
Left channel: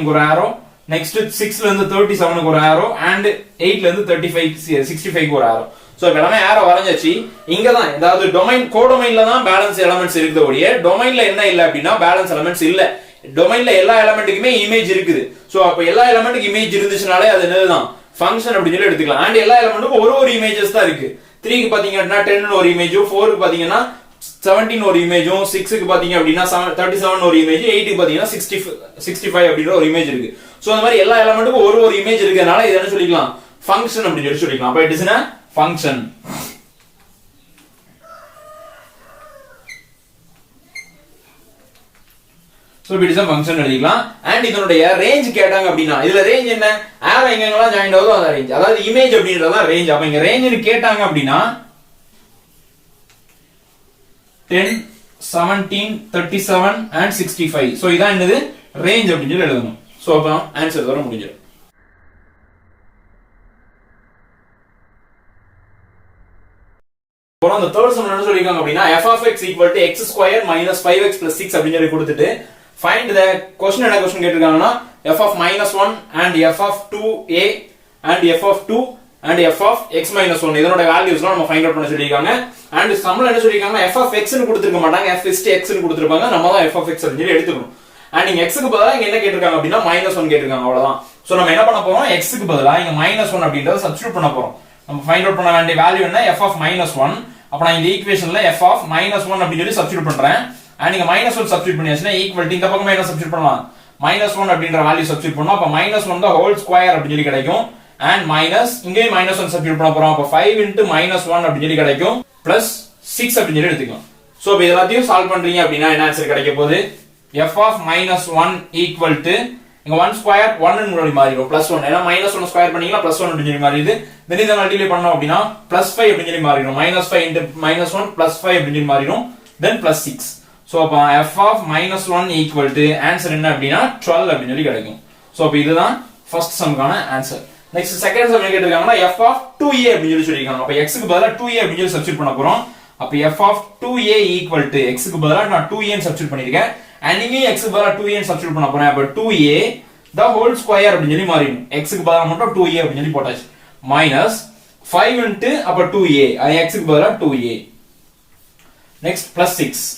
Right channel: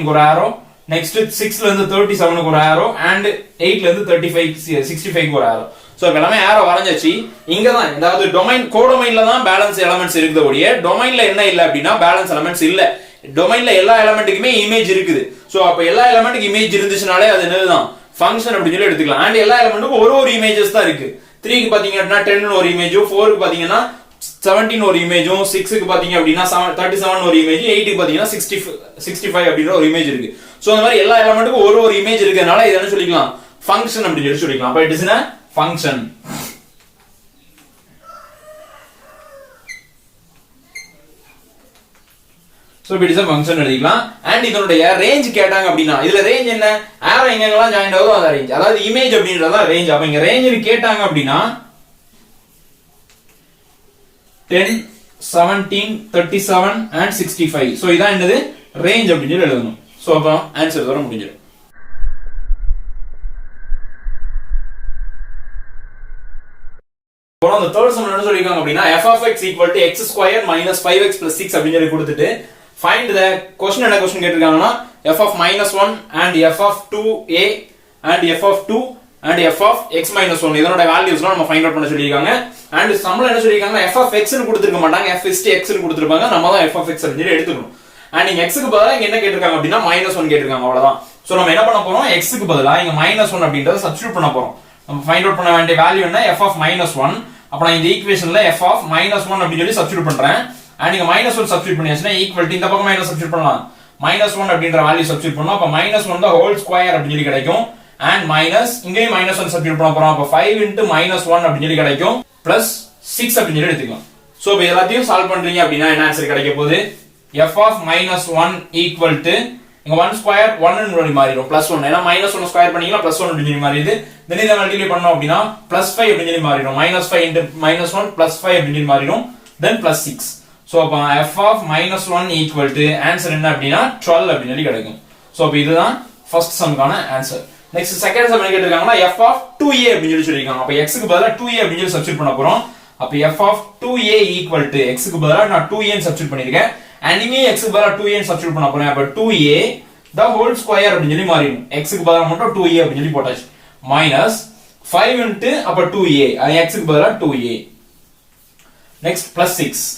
க்கு ஒரு ஆரோ. நெக்ஸ்ட் 6 ல இருந்து 37 க்கு ஒரு ஆரோ and 8 ல இருந்து 65 க்கு ஒரு ஆரோ. சோ எல்லாமே ஆரோ வரைஞ்சாச்சு. இங்க தான் அதாவது டொமைன் கோடொமைன்ல தான் பேலன்ஸ் எலிமெண்ட்ஸ் இருக்குது ஒழிய டொமைன்ல என்ன இல்ல அப்படின்னா பேலன்ஸ் எலிமெண்ட்ஸ் இல்ல. டொமைன்ல எல்லா எலிமெண்ட்டுக்குமே இமேஜ் இருக்குது. சோ அப்ப எல்லா எலிமெண்ட்டுக்கு இமேஜ் இருந்துச்சுனாலே அது என்னதுதான் ஃபங்க்ஷன் அப்படி சொல்லி எடுத்துக்கலாம். அண்ட் எல்லா எலிமெண்ட்டுக்கும் ஒரு இமேஜஸ் தான் இருக்கு. 3 க்கு பாத்தீங்க அப்படின்னா 10 ஒரு இமேஜும், 4 க்கு பாத்தீங்கன்னா 17 ஒரு இமேஜும், 6 க்கு பாத்தீங்க அப்படின்னா 37 ஒரு இமேஜ், 8 க்கு பாத்தீங்கன்னா 65 அப்படின்ற ஒரு இமேஜ் இருக்கு. சோ அந்த மாதிரி எல்லா எலிமெண்ட்டுக்கும் ஒரு இமேஜ் இருக்கனால இத என்ன சொல்லிக்கலாம் ஃபங்க்ஷன் அப்படி சொல்லி சொல்லிக்கலாம். அப்ப it is a function. So it is a function எழுதிக்கலாம். அண்ட் இதனுடைய ரேஞ்ச் கேட்டாங்க அப்படின்னா இதுல ரேஞ்ச் என்ன ஆரோ எங்கெங்கலாம் ஜாயின் ஆகுதோ அத ரேஞ்ச், அதாவது இமேஜ் அப்படின்றதா ரேஞ்ச். அப்ப இங்க ரேஞ்ச் கேட்டாங்க அப்படின்னா 10 17 37 and 65. சோ இதான் என்னது ரேஞ்ச் அப்படி சொல்லி எழுதணும். சோ அப்ப ஆன்சர் வர முடிஞ்சிடும். அந்த தேர்ட் சம் என்ன சொல்லிருக்காங்க அப்படின்னா f of x equal to x square minus 5x plus 6 அப்படின்னு சொல்லி கொடுத்துட்டு find the question. என்ன question கேட்டிருக்காங்கன்னா f of -1 and f of 2a and f of 2 and f of x minus 1 இதனோட வேல்யூஸ்லாம் நம்ம ஃபைண்ட் அவுட் பண்ண சொல்லிருக்காங்க. அண்ட் சம்ல என்ன சொல்லிருக்காங்க f of x னு கொடுத்திருக்க மாட்டாங்க, f is to x னு கொடுத்திருப்பாங்க. நம்ம தான் f of x அப்படி எடுத்துக்கணும். அண்ட் இங்க x க்கு பதிலா என்ன கேட்டிருக்காங்க அப்படின்னா -1 கேட்டிருக்காங்க, அவ்வளவுதான். சோ நம்ம என்ன பண்ண போறோம் x க்கு பதிலா இங்க -1 அப்படிங்கறத சப்ஸ்டிட்யூட் பண்ண போறோம். நம்ம ஃபைண்ட் அவுட் பண்ண வேண்டிய வேல்யூ என்ன f of -1. அப்ப நான் இந்த ஈக்குவேஷன்ல f of -1 அப்படி சொல்லி சப்ஸ்டிட்யூட் பண்றேன். அண்ட் இங்க -1 சப்ஸ்டிட்யூட் பண்ணியாச்சுனா ஈக்குவல் டு இந்த பக்கம் என்ன சப்ஸ்டிட்யூட் பண்ணலாம் -1 அப்படிங்கற வேல்யூ சப்ஸ்டிட்யூட் பண்ணோம். அப்ப -1 the whole square அப்படி சொல்லி கிடைக்கும். அண்ட் மைனஸ் இங்கே -1 சப்ஸ்டிட்யூட் பண்ண போறோம். அப்ப 5 into -1 அப்படி சொல்லி கிடைக்கும் பிளஸ் 6 அப்படி சொல்லி எடுத்துக்கலாம். சோ இப்போ எல்லாத்தையும் சால்வ் பண்றீங்க அப்படின்னா என்ன ஆன்சர் கிடைக்க போகுது f of -1 equal to இங்க 1 ஸ்கொயர் 1 ன்னு சொல்லி மாறிடும் +1. ஏன்னா -1 ஸ்கொயர் பண்ணீங்கன்னா +1 அப்படி சொல்லி மாறிடுது. தென் இத மல்டிப்ளை பண்ணோம் அப்படின்னா +5 அப்படி சொல்லி மாறிடும். -5 into -1 +5 அப்படி சொல்லி மாறிடும். தென் +6. சோ அப்ப f of -1 equal to answer என்ன அப்படின்னா 12 அப்படி சொல்லி கிடைக்கும். சோ அப்ப இதுதான் ஃபர்ஸ்ட் சம்கான ஆன்சர். நெக்ஸ்ட் செகண்ட் சம் என்ன கேட்டிருக்காங்கன்னா f of 2a அப்படின்னு சொல்லிருக்காங்க. அப்ப x க்கு பதிலா 2a அப்படின்னு சப்ஸ்டிட்யூட் பண்ண போறோம். அப்ப f of 2a equal to x க்கு பதிலா நான் 2a ன்னு சப்ஸ்டிட்யூட் பண்ணிருக்கேன். and இங்க x க்கு பதிலா 2a ன்னு சப்ஸ்டிட்யூட் பண்ண போறேன். அப்ப 2a the whole square அப்படின்னு சொல்லி மாறிடும். x க்கு பதிலா மட்டும் 2a அப்படின்னு சொல்லி போட்டாச்சு. minus 5 into அப்ப 2a அது x க்கு பதிலா 2a. next plus 6.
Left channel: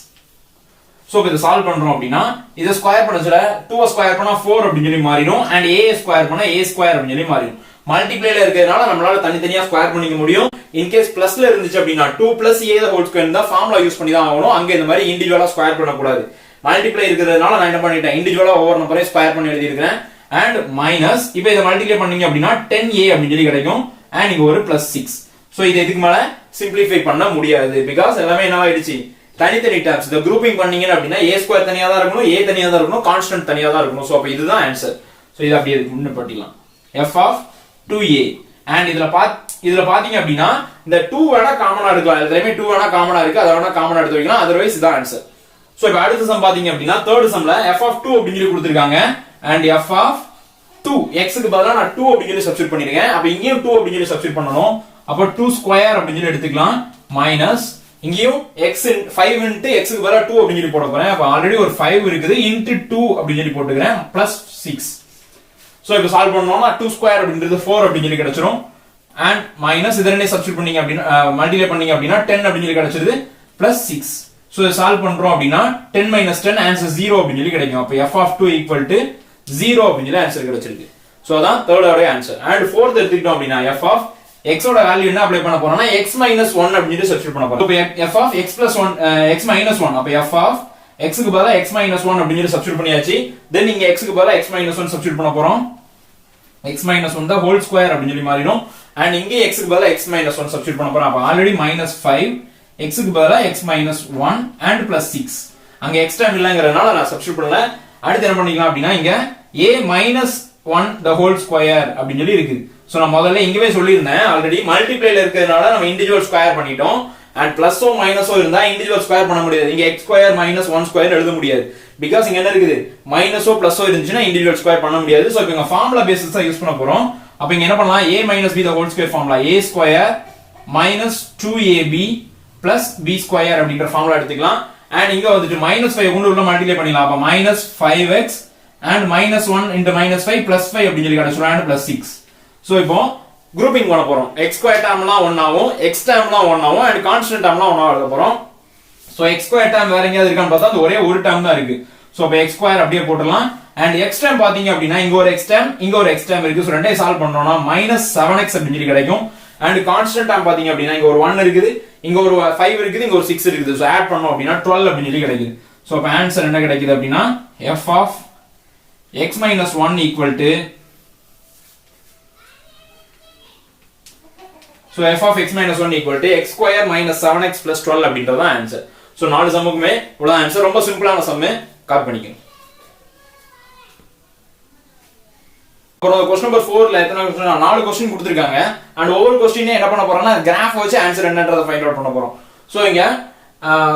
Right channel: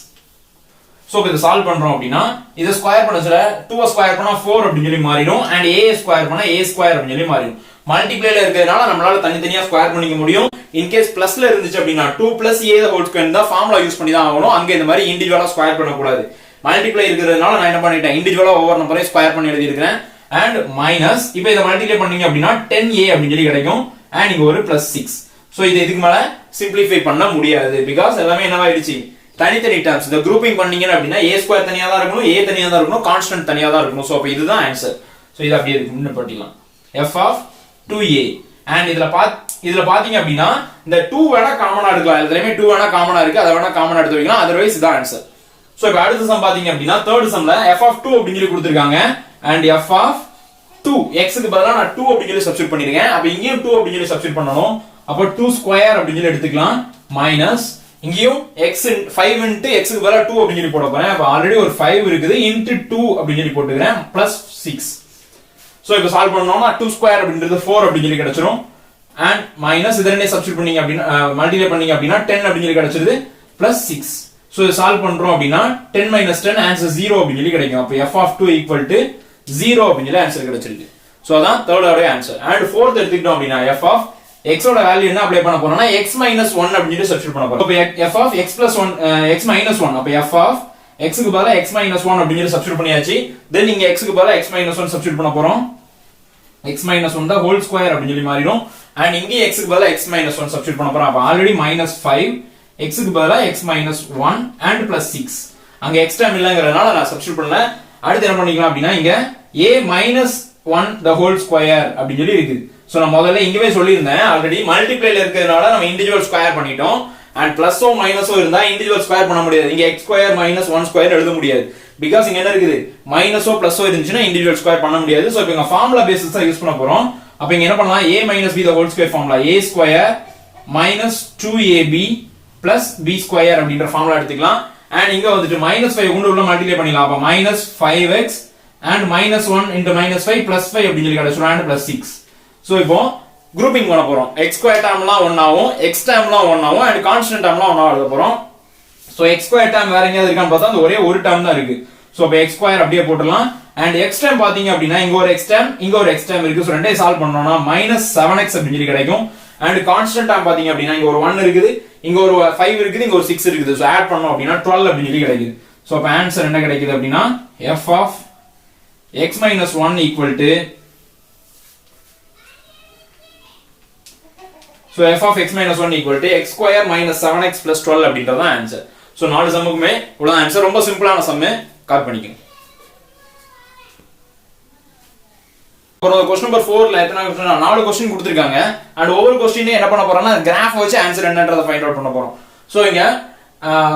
சோ இத சால்வ் பண்றோம் அப்படினா இத ஸ்கொயர் பண்ணதுல 2 ஸ்கொயர் பண்ணா 4 அப்படி சொல்லி மாறிடும் and a ஸ்கொயர் பண்ணா a ஸ்கொயர் அப்படி சொல்லி மாறிடும். மல்டிப்ளைல இருக்கிறதுனால நம்மளால தனித்தனியா ஸ்கொயர் பண்ணிக்க முடியும். இன் கேஸ் பிளஸ்ல இருந்துச்சு அப்படினா 2 a the whole square தான் ஃபார்முலா யூஸ் பண்ணி தான் ஆகணும். அங்க இந்த மாதிரி இன்டிவிஜுவலா ஸ்கொயர் பண்ண கூடாது. மல்டிப்ளை இருக்கிறதுனால நான் என்ன பண்ணிட்டேன் இன்டிவிஜுவலா ஒவ்வொரு நம்பரையும் ஸ்கொயர் பண்ணி எழுதி இருக்கேன். and மைனஸ் இப்போ இத மல்டிப்ளை பண்ணீங்க அப்படினா 10a அப்படி சொல்லி கிடைக்கும் and இங்க ஒரு +6. சோ இது இதுக்கு மேல சிம்பிளிஃபை பண்ண முடியாது because எல்லாமே என்ன ஆயிடுச்சு தனித்தனி டேர்ம்ஸ். இந்த குரூப்பிங் பண்ணீங்க அப்படினா a ஸ்கொயர் தனியா தான் இருக்கணும், a தனியா தான் இருக்கணும், கான்ஸ்டன்ட் தனியா தான் இருக்கணும். சோ அப்ப இதுதான் ஆன்சர். சோ இது அப்படியே இருக்கு முன்ன பட்டிலாம் f of 2a and இதுல பாத்தீங்க அப்படினா இந்த 2 வேணா காமனா எடுக்கலாம். எல்லாமே 2 வேணா காமனா இருக்கு, அத வேணா காமனா எடுத்து வைக்கலாம். otherwise இதான் ஆன்சர். சோ இப்போ அடுத்த சம் பாத்தீங்க அப்படினா தேர்ட் சம்ல f of 2 அப்படினு சொல்லி கொடுத்திருக்காங்க and f of 2 x க்கு பதிலா நான் 2 அப்படினு சொல்லி சப்ஸ்டிட்யூட் பண்ணிருக்கேன். அப்ப இங்கேயும் 2 அப்படினு சொல்லி சப்ஸ்டிட்யூட் பண்ணனும். அப்ப 2 ஸ்கொயர் அப்படினு சொல்லி எடுத்துக்கலாம் மைனஸ் இங்கேயும் x 5 into x க்கு பதிலா 2 அப்படினு சொல்லி போட போறேன். அப்ப ஆல்ரெடி ஒரு 5 இருக்குது into 2 அப்படினு சொல்லி போட்டுக்கிறேன் plus 6. சோ இப்போ சால்வ் பண்ணோம்னா 2 ஸ்கொயர் அப்படின்றது 4 அப்படினு சொல்லி கிடைச்சிரும் and மைனஸ் இதனே சப்ஸ்டிட்யூட் பண்ணீங்க அப்படினா மல்டிப்ளை பண்ணீங்க அப்படினா 10 அப்படினு சொல்லி கிடைச்சிருது plus 6. சோ இத சால்வ் பண்றோம் அப்படினா 10 - 10 ஆன்சர் 0 அப்படினு சொல்லி கிடைக்கும். அப்ப f of 2 equal to 0 அப்படினு சொல்லி ஆன்சர் கிடைச்சிருக்கு. சோ அதான் third order answer. and fourth எடுத்துக்கிட்டோம் அப்படினா f of x ஓட வேல்யூ என்ன அப்ளை பண்ண போறோம்னா x - 1 அப்படினு சொல்லி சப்ஸ்டிட்யூட் பண்ண போறோம். அப்ப f of x + 1 x - 1 அப்ப f of x க்கு பதிலா x - 1 அப்படினு சொல்லி சப்ஸ்டிட்யூட் பண்ணியாச்சு. தென் இங்க x க்கு பதிலா x - 1 சப்ஸ்டிட்யூட் பண்ண போறோம். x - 1 தான் ஹோல் ஸ்கொயர் அப்படினு சொல்லி மாறிடும் and இங்க x க்கு பதிலா x - 1 சப்ஸ்டிட்யூட் பண்ண போறோம். அப்ப ஆல்ரெடி -5 x க்கு பதிலா x - 1 and +6. அங்க x டேர்ம் இல்லங்கறனால நான் சப்ஸ்டிட்யூட் பண்ணல. அடுத்து என்ன பண்ணிக்கலாம் அப்படினா இங்க a - 1 the whole square அப்படினு சொல்லி இருக்கு. சோ நான் முதல்ல இங்கவே சொல்லியிருந்தேன் ஆல்ரெடி மல்டிப்ளைல இருக்கிறதுனால நம்ம இன்டிவிஜுவல் ஸ்கொயர் பண்ணிட்டோம் and பிளஸோ மைனஸோ இருந்தா இன்டிவிஜுவல் ஸ்கொயர் பண்ண முடியாது. இங்க x ஸ்கொயர் - 1 ஸ்கொயர் எழுத முடியாது because இங்க என்ன இருக்குது மைனஸோ பிளஸோ இருந்துச்சுனா இன்டிவிஜுவல் ஸ்கொயர் பண்ண முடியாது. சோ இப்போ இங்க ஃபார்முலா பேசிஸ் தான் யூஸ் பண்ண போறோம். அப்ப இங்க என்ன பண்ணலாம் a - b the whole square formula a square - 2ab plus b square அப்படிங்கற ஃபார்முலா எடுத்துக்கலாம். and இங்க வந்துட்டு -5 கொண்டு உள்ள மல்டிப்ளை பண்ணிடலாம். அப்ப -5x and -1 into -5 plus 5 அப்படினு சொல்லி கிடைச்சிரும் and plus 6. சோ இப்போ குரூப்பிங் பண்ண போறோம். x ஸ்கொயர் டேர்ம்லாம் 1 ஆகும், x டேர்ம்லாம் 1 ஆகும் and கான்ஸ்டன்ட் டேர்ம்லாம் 1 ஆக எழுத போறோம். சோ x ஸ்கொயர் டேர்ம் வேற எங்கயாவது இருக்கான்னு பார்த்தா அந்த ஒரே ஒரு டேர்ம் தான் இருக்கு. சோ அப்ப x ஸ்கொயர் அப்படியே போட்டுடலாம் and x டேர்ம் பாத்தீங்க அப்படினா இங்க ஒரு x டேர்ம் இங்க ஒரு x டேர்ம் இருக்கு. சோ ரெண்டையும் சால்வ் பண்ணோம்னா -7x அப்படினு சொல்லி கிடைக்கும் and கான்ஸ்டன்ட் டேர்ம் பாத்தீங்க அப்படினா இங்க ஒரு 1 இருக்குது, இங்க ஒரு 5 இருக்குது, இங்க ஒரு 6 இருக்குது. சோ ஆட் பண்ணோம் அப்படினா 12 அப்படினு சொல்லி கிடைக்குது. சோ அப்ப ஆன்சர் என்ன கிடைக்குது அப்படினா f of x - 1 equal to so f of x - 1 equal to x square minus 7x plus 12 அப்படின்றது ஆன்சர். சோ நாலு சம்முக்குமே உள்ள ஆன்சர் ரொம்ப சிம்பிளான சம் காப்பி பண்ணிக்கங்க. அப்புறம் क्वेश्चन நம்பர் 4ல எத்தனை 4 क्वेश्चन கொடுத்திருக்காங்க and ஒவ்வொரு क्वेश्चनே என்ன பண்ண போறோம்னா கிராஃப் வச்சு ஆன்சர் என்னன்றதை ஃபைண்ட் அவுட் பண்ண போறோம். சோ இங்க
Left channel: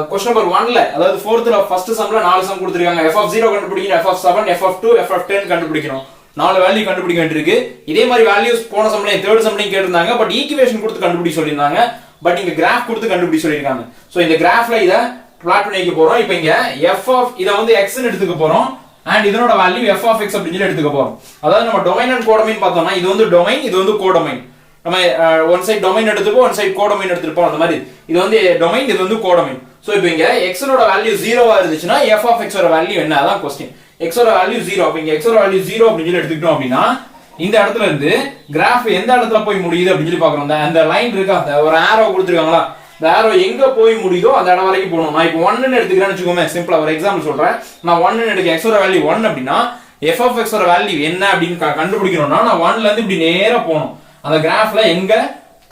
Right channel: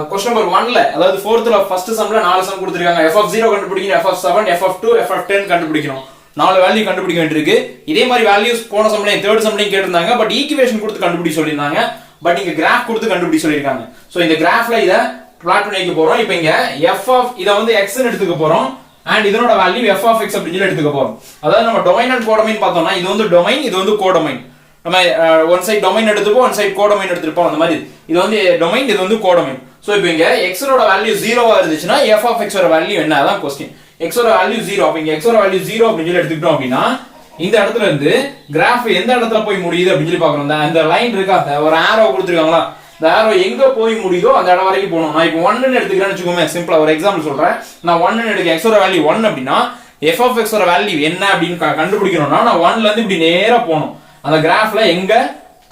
क्वेश्चन நம்பர் 1ல அதாவது 4th ஃபர்ஸ்ட் சம்ல 4 சம் கொடுத்திருக்காங்க. f of 0 கண்டுபிடிக்கணும், f of 7, f of 2, f of 10 கண்டுபிடிக்கணும். 4 வேல்யூ கண்டுபிடிக்க வேண்டியிருக்கு. இதே மாதிரி வேல்யூஸ் போன சம்லயே தேர்ட் சம்லயே கேட்டிருந்தாங்க. பட் ஈக்குவேஷன் கொடுத்து கண்டுபிடிக்க சொல்லிருந்தாங்க. பட் இங்க கிராஃப் கொடுத்து கண்டுபிடிக்க சொல்லிருக்காங்க. சோ இந்த கிராஃப்ல இத பிளாட் பண்ணி வைக்க போறோம். இப்போ இங்க f of இத வந்து x ன்னு எடுத்துக்க போறோம் and இதனோட வேல்யூ f of x அப்படினு சொல்லி எடுத்துக்க போறோம். அதாவது நம்ம டொமைன் அண்ட் கோடொமைன் பார்த்தோம்னா இது வந்து டொமைன், இது வந்து கோடொமைன். நம்ம ஒன் சைடு டொமைன் எடுத்துப்போம், ஒன் சைடு கோடொமைன் எடுத்துப்போம். அந்த மாதிரி இது வந்து டொமைன், இது வந்து கோடொமைன். சோ இப்போ இங்க x ஓட வேல்யூ 0 ஆ இருந்துச்சுனா f of x ஓட வேல்யூ என்ன அதான் क्वेश्चन. x ஓட வேல்யூ 0. அப்ப இங்க x ஓட வேல்யூ 0 அப்படினு சொல்லி எடுத்துக்கிட்டோம் அப்படினா இந்த இடத்துல இருந்து கிராஃப் எந்த இடத்துல போய் முடியுது அப்படினு சொல்லி பார்க்கறோம். அந்த லைன் இருக்கா, ஒரு ஆரோ கொடுத்திருக்காங்களா, இந்த ஆரோ எங்க போய் முடியுதோ அந்த இடம் வரைக்கும் போகணும். நான் இப்போ 1 ன்னு எடுத்துக்கிறேன்னு வெச்சுக்கோமே, சிம்பிளா ஒரு எக்ஸாம்பிள் சொல்றேன். நான் 1 ன்னு எடுக்க x ஓட வேல்யூ 1 அப்படினா f of x ஓட வேல்யூ என்ன அப்படினு கண்டுபிடிக்கணும்னா நான் 1ல இருந்து இப்படி நேரா போணும். அந்த கிராஃப்ல எங்க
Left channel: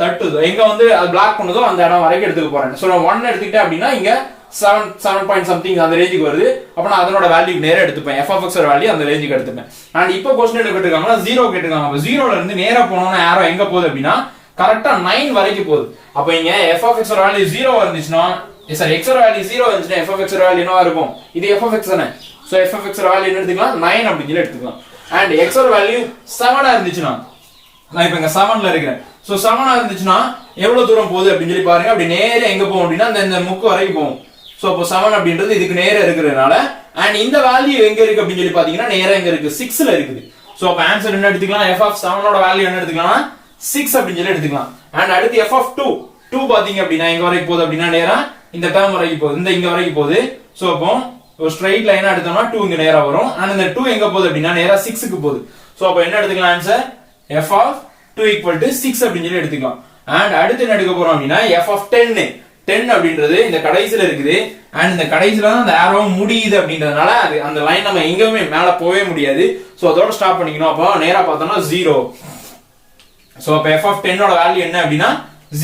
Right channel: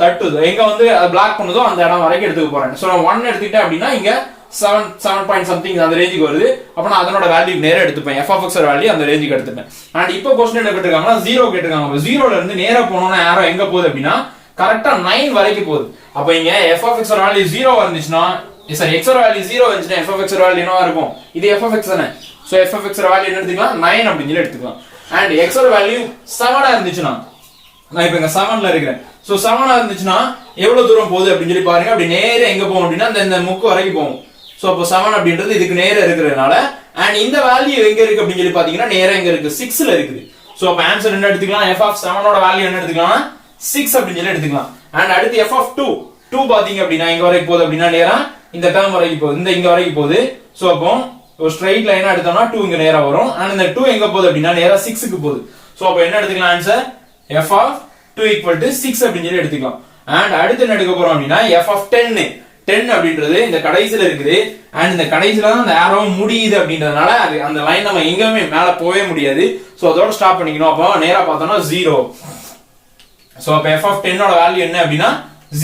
தட்டுதோ, எங்க வந்து அது பிளாக் பண்ணுதோ அந்த இடம் வரைக்கும் எடுத்துக்க போறேன். சோ நான் 1 எடுத்துக்கிட்டேன் அப்படினா இங்க 7 பாயிண்ட் சம்திங் அந்த ரேஞ்சுக்கு வருது. அப்ப நான் அதனோட வேல்யூ நேரா எடுத்துப்பேன். f of x ஓட வேல்யூ அந்த ரேஞ்சுக்கு எடுத்துப்பேன். and இப்போ क्वेश्चन என்ன கேட்டிருக்காங்கன்னா 0 கேட்டிருக்காங்க. அப்ப 0ல இருந்து நேரா போனோம்னா ஆரோ எங்க போகுது அப்படினா கரெக்ட்டா 9 வரைக்கும் போகுது. அப்ப இங்க f of x ஓட வேல்யூ 0 வந்துச்சுனா சாரி x ஓட வேல்யூ 0 வந்துச்சுனா f of x ஓட வேல்யூ என்னவா இருக்கும், இது f of x தானே. சோ f of x ஓட வேல்யூ என்ன எடுத்துக்கலாம் 9 அப்படினு சொல்லி எடுத்துக்கலாம். and x ஓட வேல்யூ 7 ஆ இருந்துச்சுனா நான் இப்ப இங்க 7ல இருக்கிறேன். சோ 7ஆ இருந்துச்சுன்னா எவ்வளவு தூரம் போகுது அப்படின்னு சொல்லி பாருங்க. அப்படி நேரா எங்க போகும் அப்படின்னா இந்த முக்கு வரைக்கும் போகும். சோ அப்போ 7 அப்படின்றது இதுக்கு நேரா இருக்கிறதுனால அண்ட் இந்த வேல்யூ எங்க இருக்கு அப்படின்னு சொல்லி பாத்தீங்கன்னா நேரா எங்க இருக்கு 6ல இருக்குது. சோ அப்ப ஆன்சர் என்ன எடுத்துக்கலாம், f of 7 ஓட வேல்யூ என்ன எடுத்துக்கலாம் 6 அப்படின்னு சொல்லி எடுத்துக்கலாம். அண்ட் அடுத்து f of 2 பாத்தீங்க அப்படின்னா எங்க வரைக்கும் போகுது அப்படின்னா நேரா இந்த டேர்ம் வரைக்கும் போகுது, இங்க வரைக்கும் போகுது. சோ அப்போ ஒரு ஸ்ட்ரைட் லைனா எடுத்தோம்னா 2 இங்க நேரா வரும். அண்ட் இந்த 2 எங்க போகுது அப்படின்னா நேரா 6க்கு போகுது. சோ அப்ப என்ன எடுத்துக்கலாம் answer f of 2 equal to 6 அப்படின்னு சொல்லி எடுத்துக்கலாம். அண்ட் அடுத்து என்ன எடுக்க போறோம் அப்படின்னா f of 10 அப்படின்றது இந்த கடைசில இருக்குது. அண்ட் இந்த கடைசில தான் அந்த arrow முடியுது அப்படின்றதுனால அது அந்த லைன் நம்ம எங்கேயுமே மேல போவே முடியாது. சோ அதோட ஸ்டாப் பண்ணிக்கணும். அப்போ நேரா பார்த்தோம்னா 0. சோ அப்ப f of 10 ஓட வேல்யூ என்ன அப்படின்னா